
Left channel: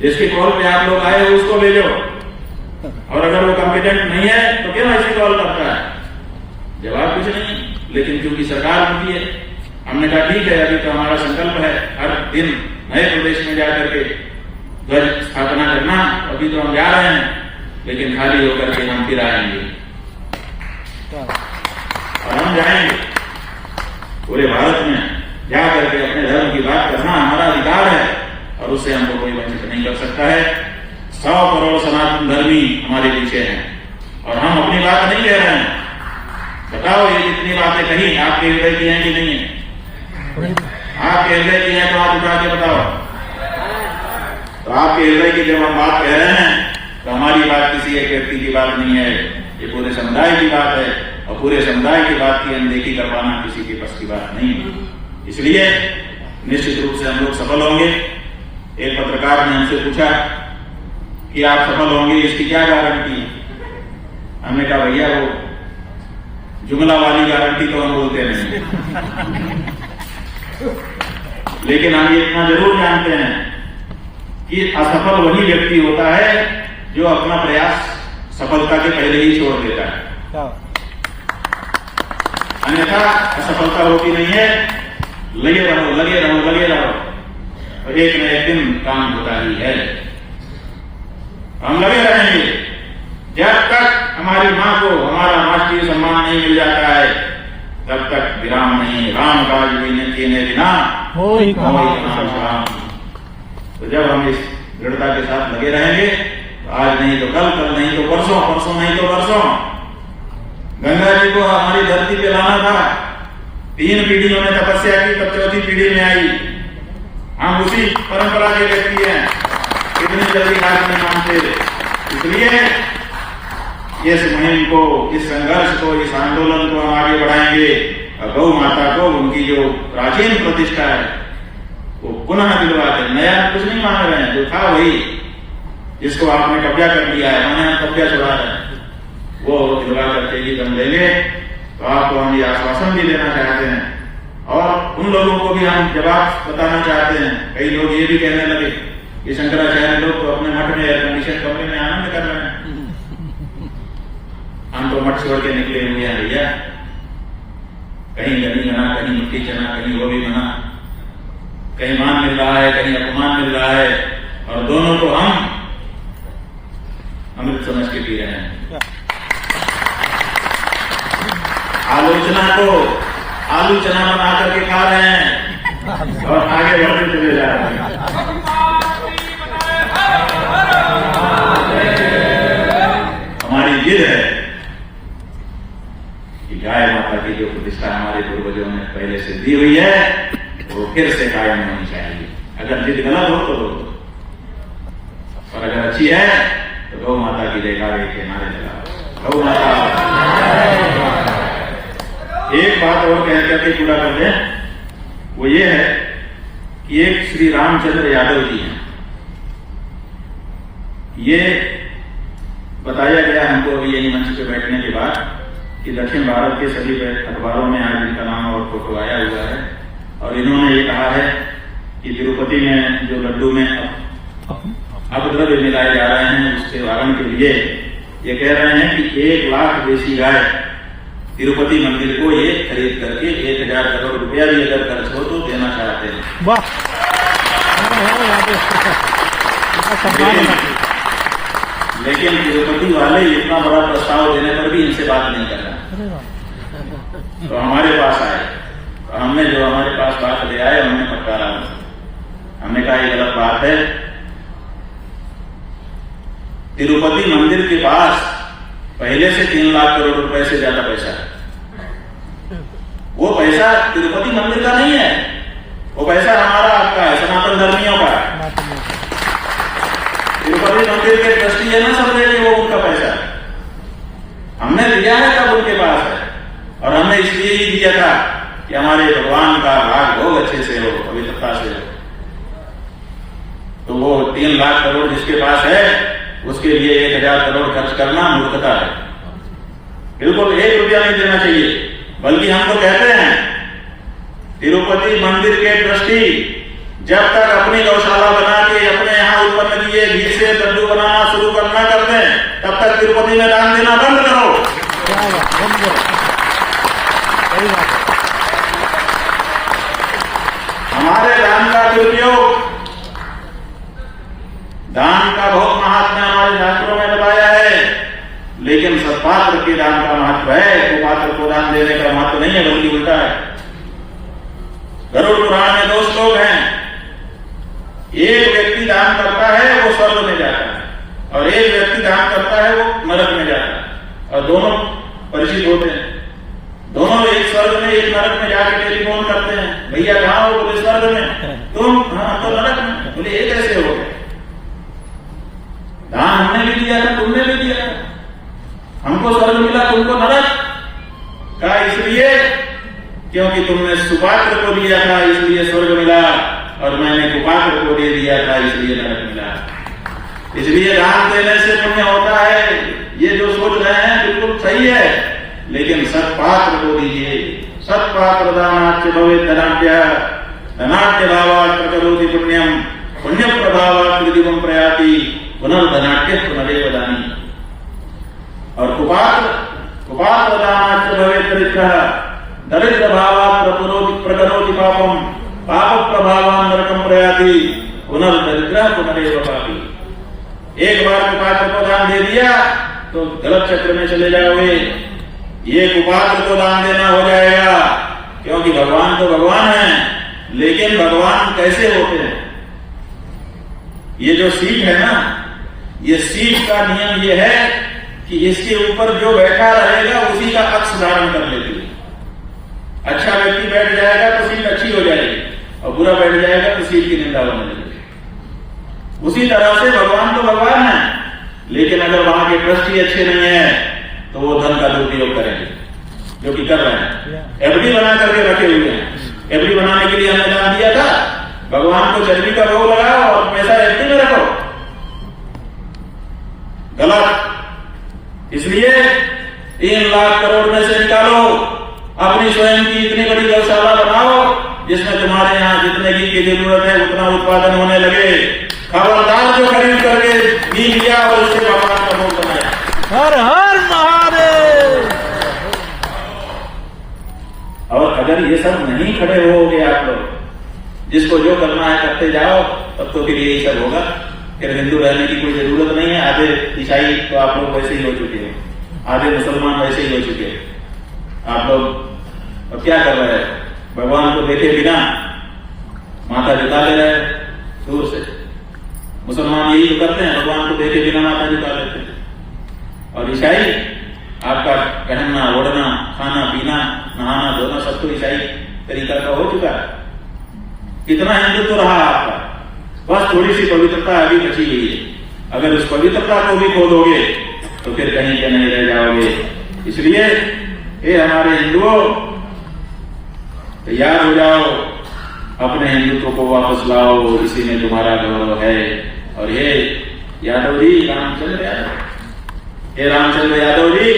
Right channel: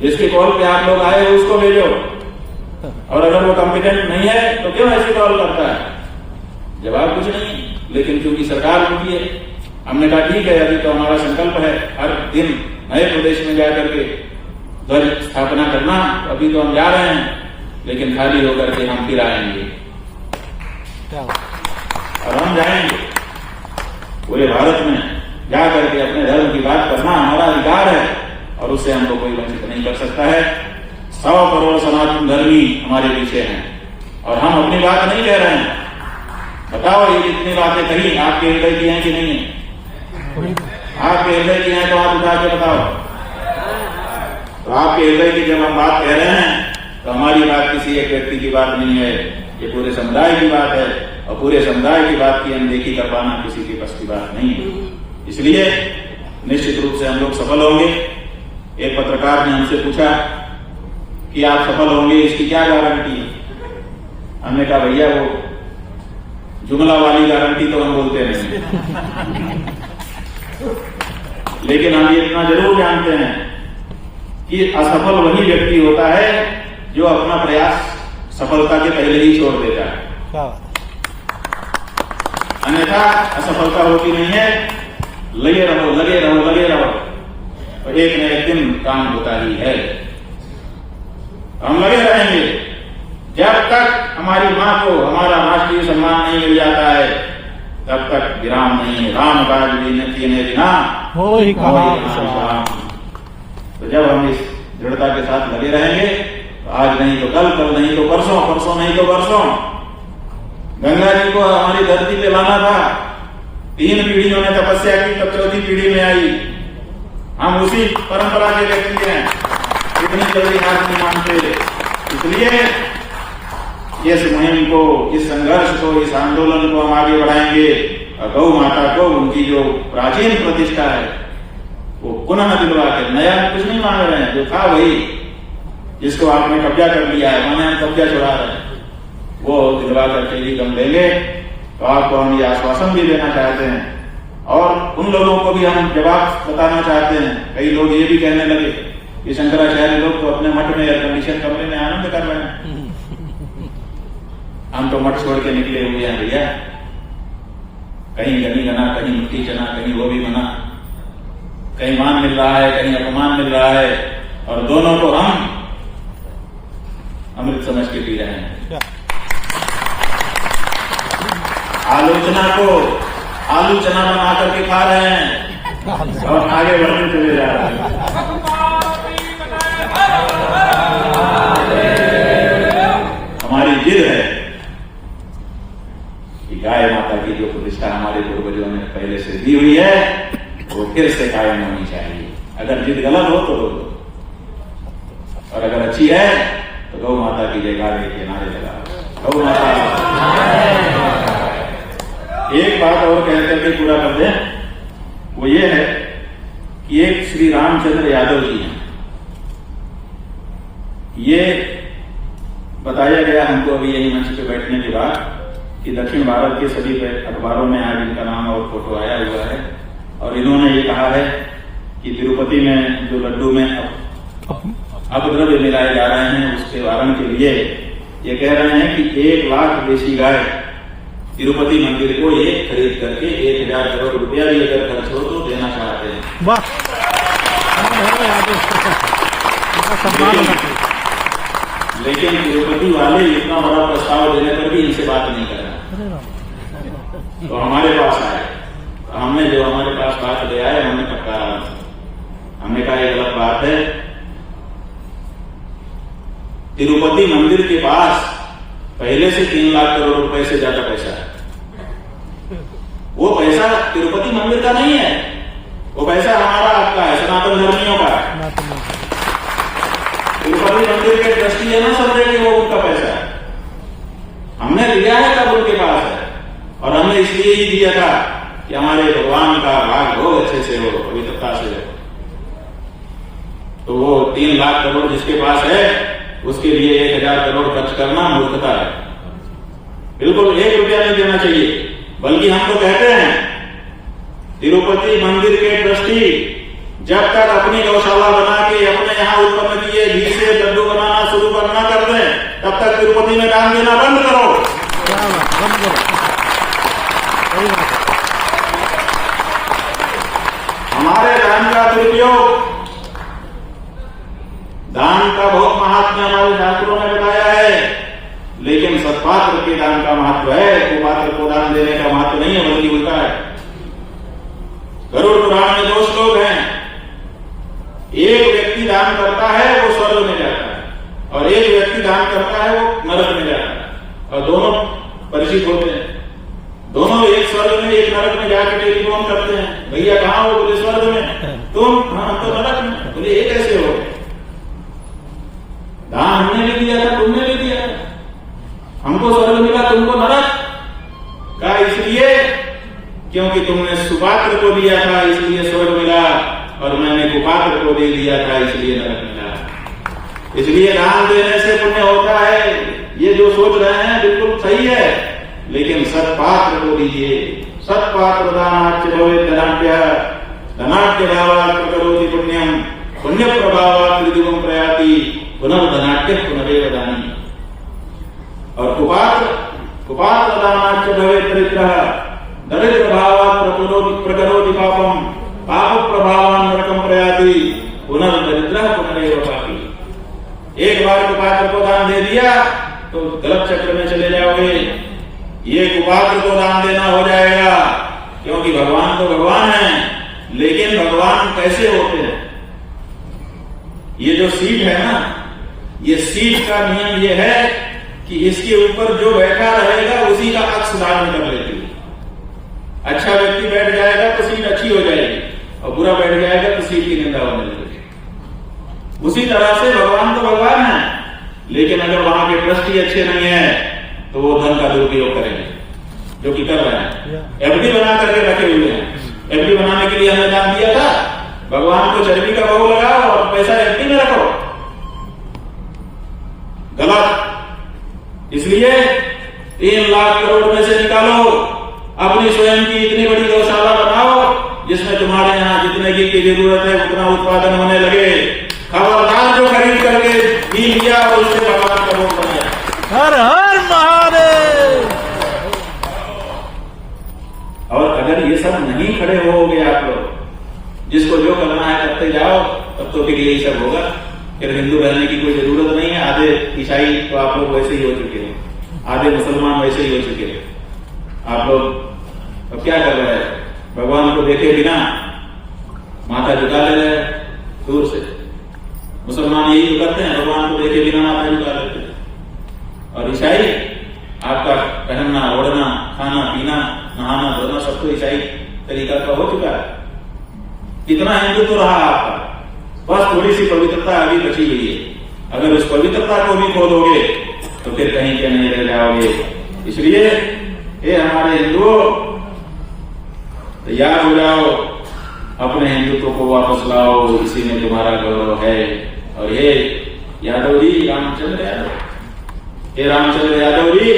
जिसके कॉल पे आप लोग आए उसको भेजो। और अगर वो कॉम्पिटेंट नहीं है तो क्यों ऐसी कॉल करता है? जवाब कुछ नहीं। लेकिन क्योंकि सरकार उनकी है, हमने कहा ठीक है, अभी तो हमारा संकल्प है हर दिन नए प्रदेश में जाकर के ध्वज स्थापना करना, अभी तो हम जा रहे हैं, लेकिन खाली होकर के हम फिर आएंगे और हम जाएंगे पूरे भारत में जा करके अपने धर्म की बात करना हमारा अधिकार है और उससे हमको कोई वंचित नहीं कर सकता है। 100 करोड़ सनातन धर्मी हमारे पीछे हैं और हम अपनी बात नहीं कह रहे हैं। बताओ ये जितनी बातें कही आपके हृदय की हैं कि नहीं है? आपके हृदय की हैं तो आप उठा के बताओ। तो आपके हृदय की जब हम बात कह रहे हैं तो हमारी बात किसी एक व्यक्ति की बात नहीं है, ये पूरे समुदाय की बात है और पूरे समुदाय की बात की अनदेखी कर पाना किसी के बस की बात नहीं है। इसलिए निश्चित रूप से हम लोग सफल होंगे। एक पत्रकार ने हमसे पूछा कि आप सफल होंगे, इसकी क्या गारंटी? हमने कहा भैया वो जुमला वाली गारंटी तो हम बोलते नहीं, लेकिन हम ये इतना जरूर जानते हैं कि असफल वही व्यक्ति होता है जो अपना प्रयास सफलता के पहले ही छोड़ देता है, अन्यथा असफलता होती नहीं है। लगे रहो लगे रहो लगे रहो और एक न एक दिन काम होता ही है। हम लगे रहेंगे जब तक हमारी मां को हमारा राष्ट्रीय सम्मान नहीं मिल जाता है, तब तक विराम नहीं है। राम काज बिना बिना हो ही काम। तो जब हम इस दृढ़ता के साथ लगे रहेंगे तो आज नहीं तो कल, कल नहीं तो परसों, परसों नहीं तो परसों गंगा जी को हमारी धरती पे लाना था। 3 पीढ़ियों ने तपस्या की, तब 4थी पीढ़ी में आई। हम उसी परंपरा के व्यक्ति हैं, इतनी जल्दी हार नहीं मानते। इसलिए इस मुहिम को, इस संघर्ष को, इस आंदोलन को हम आगे बढ़ाएंगे और गौ माता को उनकी जो प्राचीन प्रतिष्ठा है वो पुनः दिलवा के, नया कुछ नहीं मांग रहे हैं, जो था वही, जिसको आपने कब्जा कर लिया है, माने कब्जा चढ़ा रहे हैं, वो दिलवा करके ही दम लेंगे। तो आपको हम ये आश्वासन भी देना चाहते हैं और उन लोगों को भी हम जवाब बताना चाहते हैं। कई लोग ये भी कहने लगे कि शंकराचार्य लोग तो अपने मठ में एयर कंडीशन कमरे में आनंद कर रहे हैं, हम तो मठ छोड़ के निकले हुए हैं भैया। कहीं गनी बना, कहीं मिट्टी चना, कहीं वो भी बना, कहीं मान मिल रहा है, कहीं अपमान मिल रहा है और दोनों को हम अमृत समझ के पी रहे हैं। आलोचना को आलू चना बना करके खा रहे हैं और आगे बढ़ते चले जा रहे हैं। हमारी जिद है कि गाय माता की जो प्रतिष्ठा हमारे पूर्वजों ने पहले से दी हुई है वो फिर से कायम होनी चाहिए। अगर जिद गलत हो तो रोक दो और अगर अच्छी है तो गौ माता की जयकारे के नारे लगाओ। गौ माता। एक बात और कह करके पूरा कर दें, वो ये है कि एक श्री रामचंद्र यादव जी हैं। ये बताया गया हमको अभी यही मंच पे बैठने के बाद कि दक्षिण भारत के सभी अखबारों में आज इनका नाम और फोटो आया हुआ है और इन्होंने ये कहा है कि तिरुपति में जो लड्डू में अपद्रव्य मिलाए जा रहे हैं उसके निवारण के लिए ये कह रहे हैं कि 1 लाख देसी गाय तिरुपति मंदिर को ये खरीद करके 1000 करोड़ रुपया भी अगर खर्च हो तो देना चाहते हैं। लेकिन तिरुपति वाले इतना बड़ा प्रस्ताव देने पर भी इनसे बात नहीं कर रहे। तो हमारे पास आए, तो हमने जो हमारे पास बात ले आए हमने पक्का, हमने कहा ये गलत बात है। तिरुपति मंदिर के पास पहले से 3 लाख करोड़ रुपए से ज्यादा पैसा है। वो पैसा तिरुपति मंदिर का नहीं है, वो पैसा हमारा आपका है, सनातन धर्मियों का। तिरुपति मंदिर के ट्रस्टी है ना समझे कि वो उनका पैसा है, हमने दिया है तब उनके पास है और हमने इसलिए ही दिया था कि हमारे भगवान का भाग हो, अच्छे से हो, पवित्रता से हो। तो वो 3 लाख करोड़ जिसके पास है उसके लिए 1000 करोड़ खर्च करना मूर्खता है। बिल्कुल 1 रुपया नहीं देना चाहिए। बल्कि हम तो कहते हैं तिरुपति मंदिर के ट्रस्टी जब तक अपनी गौशाला बना के अपने यहाँ उत्पन्न किए घी से लड्डू बनाना शुरू करना कर दें तब तक तिरुपति में दान देना बंद करो। हमारे दान का दुरुपयोग, दान का बहुत महात्म्य हमारे शास्त्रों में बताया है, लेकिन सत्पात्र के दान का महत्व है, कुपात्र को दान देने का महत्व नहीं है, बल्कि उल्टा है। गरुड़ पुराण में 2 श्लोक हैं। एक व्यक्ति दान करता है वो स्वर्ग में जाता है, और एक व्यक्ति दान करता है वो नरक में जाता है, और दोनों परिचित होते हैं। दोनों एक स्वर्ग में एक नरक में जाकर टेलीफोन करते हैं, भैया कहाँ हो? बोले स्वर्ग में। तुम? हाँ, तो नरक में। बोले ये कैसे हो गए? दान हमने भी दिया था, तुमने भी दिया, हमको स्वर्ग मिला, तुमको नरक का। इसलिए क्योंकि तुमने सुपात्र को दिया था इसलिए स्वर्ग मिला, और मैंने कुपात्र को दे दिया था इसलिए नरक मिला। इसलिए दान देने से पुण्य होता है, ये जो सोच रहे हैं बिल्कुल सही है, लेकिन सत्पात्र को दीजिए। सत्पात्र दानाच्च भवेत् धनाढ्य, धनाढ्य भावात् प्रकरोति पुण्यम, पुण्य प्रभावात् त्रिदिवं प्रयाति, पुनर्धनाढ्य पुनरेव दानी। और कुपात्र दानाच्च भवेत् दरिद्रः, दरिद्र भावात् प्रकरोति पापम, पाप प्रभावान् नरकं प्रयाति, पुनर्दरिद्रः पुनरेव पापी। एक बार कुपात्र को दान दे दिया तो गलत चक्र में चले जाओगे। ये कुपात्र को दान देना हो जाएगा, क्योंकि भगवान तो भगवान है, लेकिन भगवान कैसे होते हैं? ये जो सीट है ना, ये सीट का नियम ये है कि इसके ऊपर जो बैठा रहेगा उसी का अक्ष धारण कर लेती है। अच्छा व्यक्ति बैठ जाएगा तो सीट अच्छी हो जाएगी, और बुरा बैठ जाएगा तो सीट की निंदा होने लगेगी। उसी तरह से भगवान तो भगवान है, लेकिन अगर वहां के ट्रस्टी अच्छे नहीं है तो वो धन का दुरुपयोग करेंगे, जो कि कर रहे हैं। एफडी बना करके रखे हुए हैं। एफडी बनाने के लिए हमने दान दिया था, भगवान को चर्बी का भोग लगाओ और पैसा एफडी में रखो, गलत। इसलिए 3 लाख करोड़ में से निकालो, अपनी स्वयं की इतनी बड़ी गौशाला बनाओ जिसमें तुम्हारे यहाँ जितने घी की जरूरत है उतना उत्पादन होने लगे। खबरदार जो खरीद करके घी लिया और उससे भगवान का भोग बनाया। हर हर महादेव। और अगर ये सब नहीं खड़े होगे आप लोग, जिसको जो करना है करते जाओ, तब तो फिर यही सब होगा। फिर हिंदू रहने की कोई जरूरत नहीं है। आधे ईसाई तो आप लोग वैसे ही हो चुके हैं, आधे मुसलमान वैसे ही हो चुके हैं। आप लोग अब क्या कर रहे हैं? भगवान को देखे बिना माथा झुका ले रहे हैं दूर से। मुसलमान यही करते हैं, भगवान को देखे बिना माथा झुका लेते हैं। और ईसाई आपका पहनना, ओढ़ना, खाना पीना, नहाना धोना सब तो ईसाई तरीका का हो चुका है। कितना हिंदू तो रहा आपका, बस थोड़ी सी पवित्रता अभी बची हुई है। अगर उस पवित्रता को भी खो दोगे तो फिर कहीं के नहीं रह जाओगे। इसलिए ये हमारे हिंदुओं, तैयार हो जाओ, अपने हिंदुत्व को वापस लाओ, इसी में तुम्हारा गौरव है। और ये यादव जी, रामचंद्र यादव, ये रामचंद्र यादव जी,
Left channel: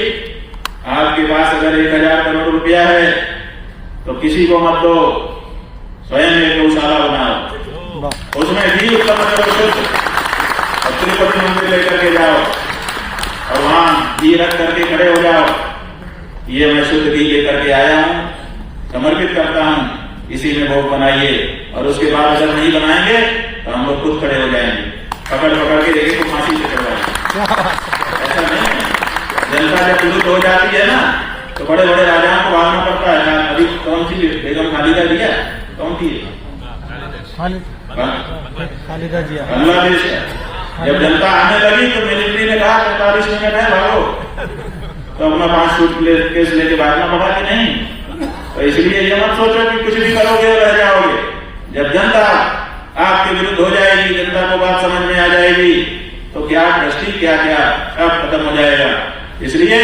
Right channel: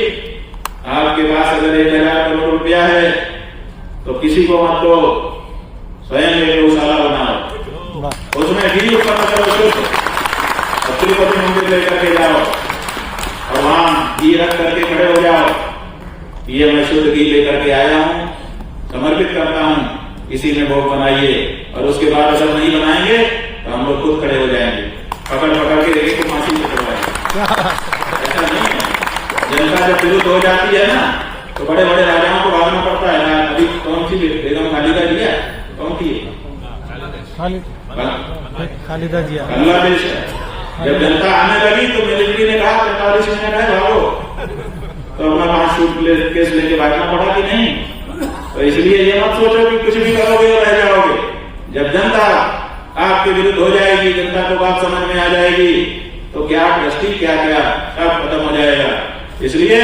आपके पास अगर 1000 करोड़ रुपया है तो किसी को मत दो, स्वयं एक गौशाला बनाओ, उसमें घी उत्पन्न करो शुद्ध, और तिरुपति मंदिर लेकर के जाओ और वहां घी रख करके खड़े हो जाओ, ये मैं शुद्ध घी लेकर के आया हूं, समर्पित करता हूं, इसी में भोग बनाइए। और उसके बाद अगर नहीं बनाएंगे तो हम लोग खुद खड़े हो जाएंगे, पकड़ के देखे तो फांसी से चढ़वाएंगे। ऐसा नहीं है। जनता जब विरुद्ध हो जाती है ना तो बड़े बड़े राजाओं को भागना पड़ता है। अभी कौन सी बेगम खालिदा जिया, कौन थी? खालिदा जिया। बांग्लादेश है। जब जनता आने लगी तो मिलिट्री ने कहा 45 मिनट है, भागो, तो अपना 5 सूटकेस लेके भागना पड़ा कि नहीं? तो इसलिए ये मत सोचो कि कुछ भी करोगे और रह जाओगे। जब जनता आपके विरुद्ध हो जाएगी, जनता को बात समझ में आ जाएगी, तो क्या दृष्टि क्या क्या सब खत्म हो जाएगा। इसलिए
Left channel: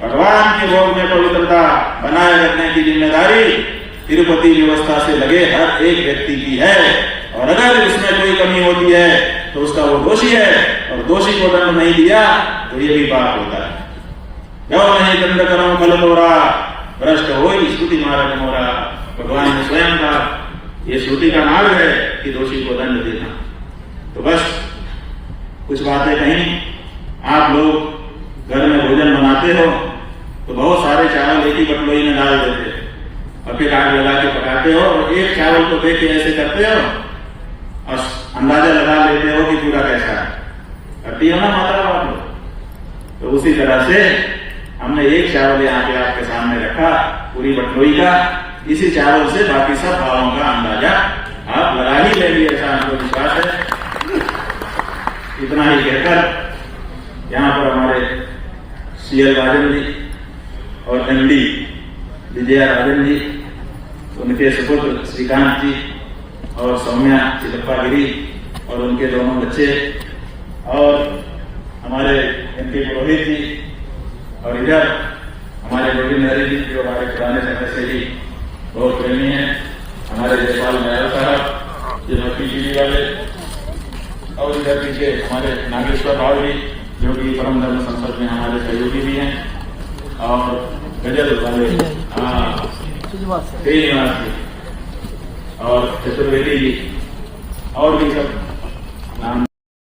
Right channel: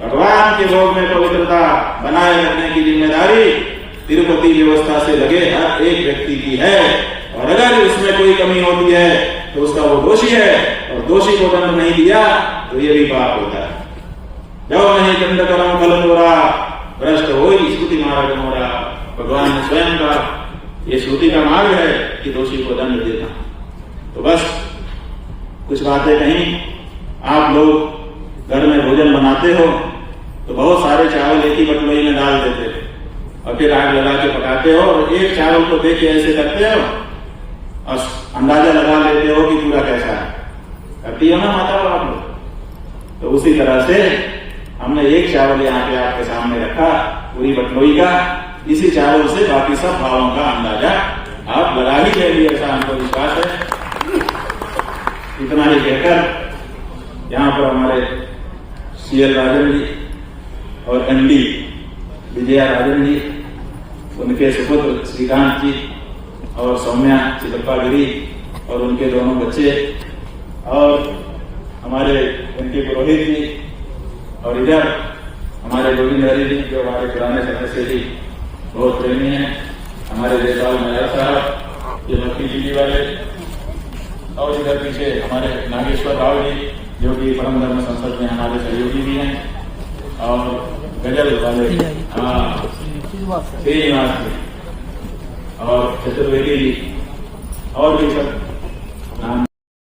भगवान के भोग में पवित्रता बनाए रखने की जिम्मेदारी तिरुपति व्यवस्था से लगे हर एक व्यक्ति की है। और अगर उसमें कोई कमी होती है तो उसका वो दोषी है, और दोषी को दंड नहीं दिया तो ये भी पाप होता है। जो नहीं दंड करो फल तोरा, भ्रष्ट हो श्रुति मार्ग मोरा। भगवान ने स्वयं का ये श्रुति का मार्ग है कि दोषी को दंड देना। तो बस कुछ बातें कहीं, आप लोग घर में भोजन बनाते हो तो बहुत सारे चावल एक ही बटोरी में डाल देते और फिर आग लगा के पकाते हो और एक चावल को देख के ऐसे करते हो और अंदाजा लगा लेते हो कि पूरा कैसा है। करती हो ना माता आप लोग? तो उसी तरह से हमने एक चावल यहाँ पे आपके सामने रखा पूरी बटलोई का। इसी चावल से बाकी सब भावों का अंदाजा आप लगा ही लेंगे, ऐसा हमको विश्वास है। इतना ही कहकर यहाँ पर हमारे CL राजन जी और MD विजया राजन जी, उनके सुपुत्र श्रीकांत जी और सौम्या चिलप्पा गिरी और उनके दोनों बच्चे और हमारे MP पुरोहित जी और इधर हमारे गोविंद हरी जी जो हमारे पुराने समय से ही बहुत प्रेमी हैं, हमारे जयपाल नायर साहब जो PGD वाले, और इधर पीछे हमारे नागेश्वर राव जी जो कि परम धर्म संसद में हमारे सहयोगी भी हैं, और गजल वाले श्रीनिवास जी और चतुर्वेदी जी और भी सब नाम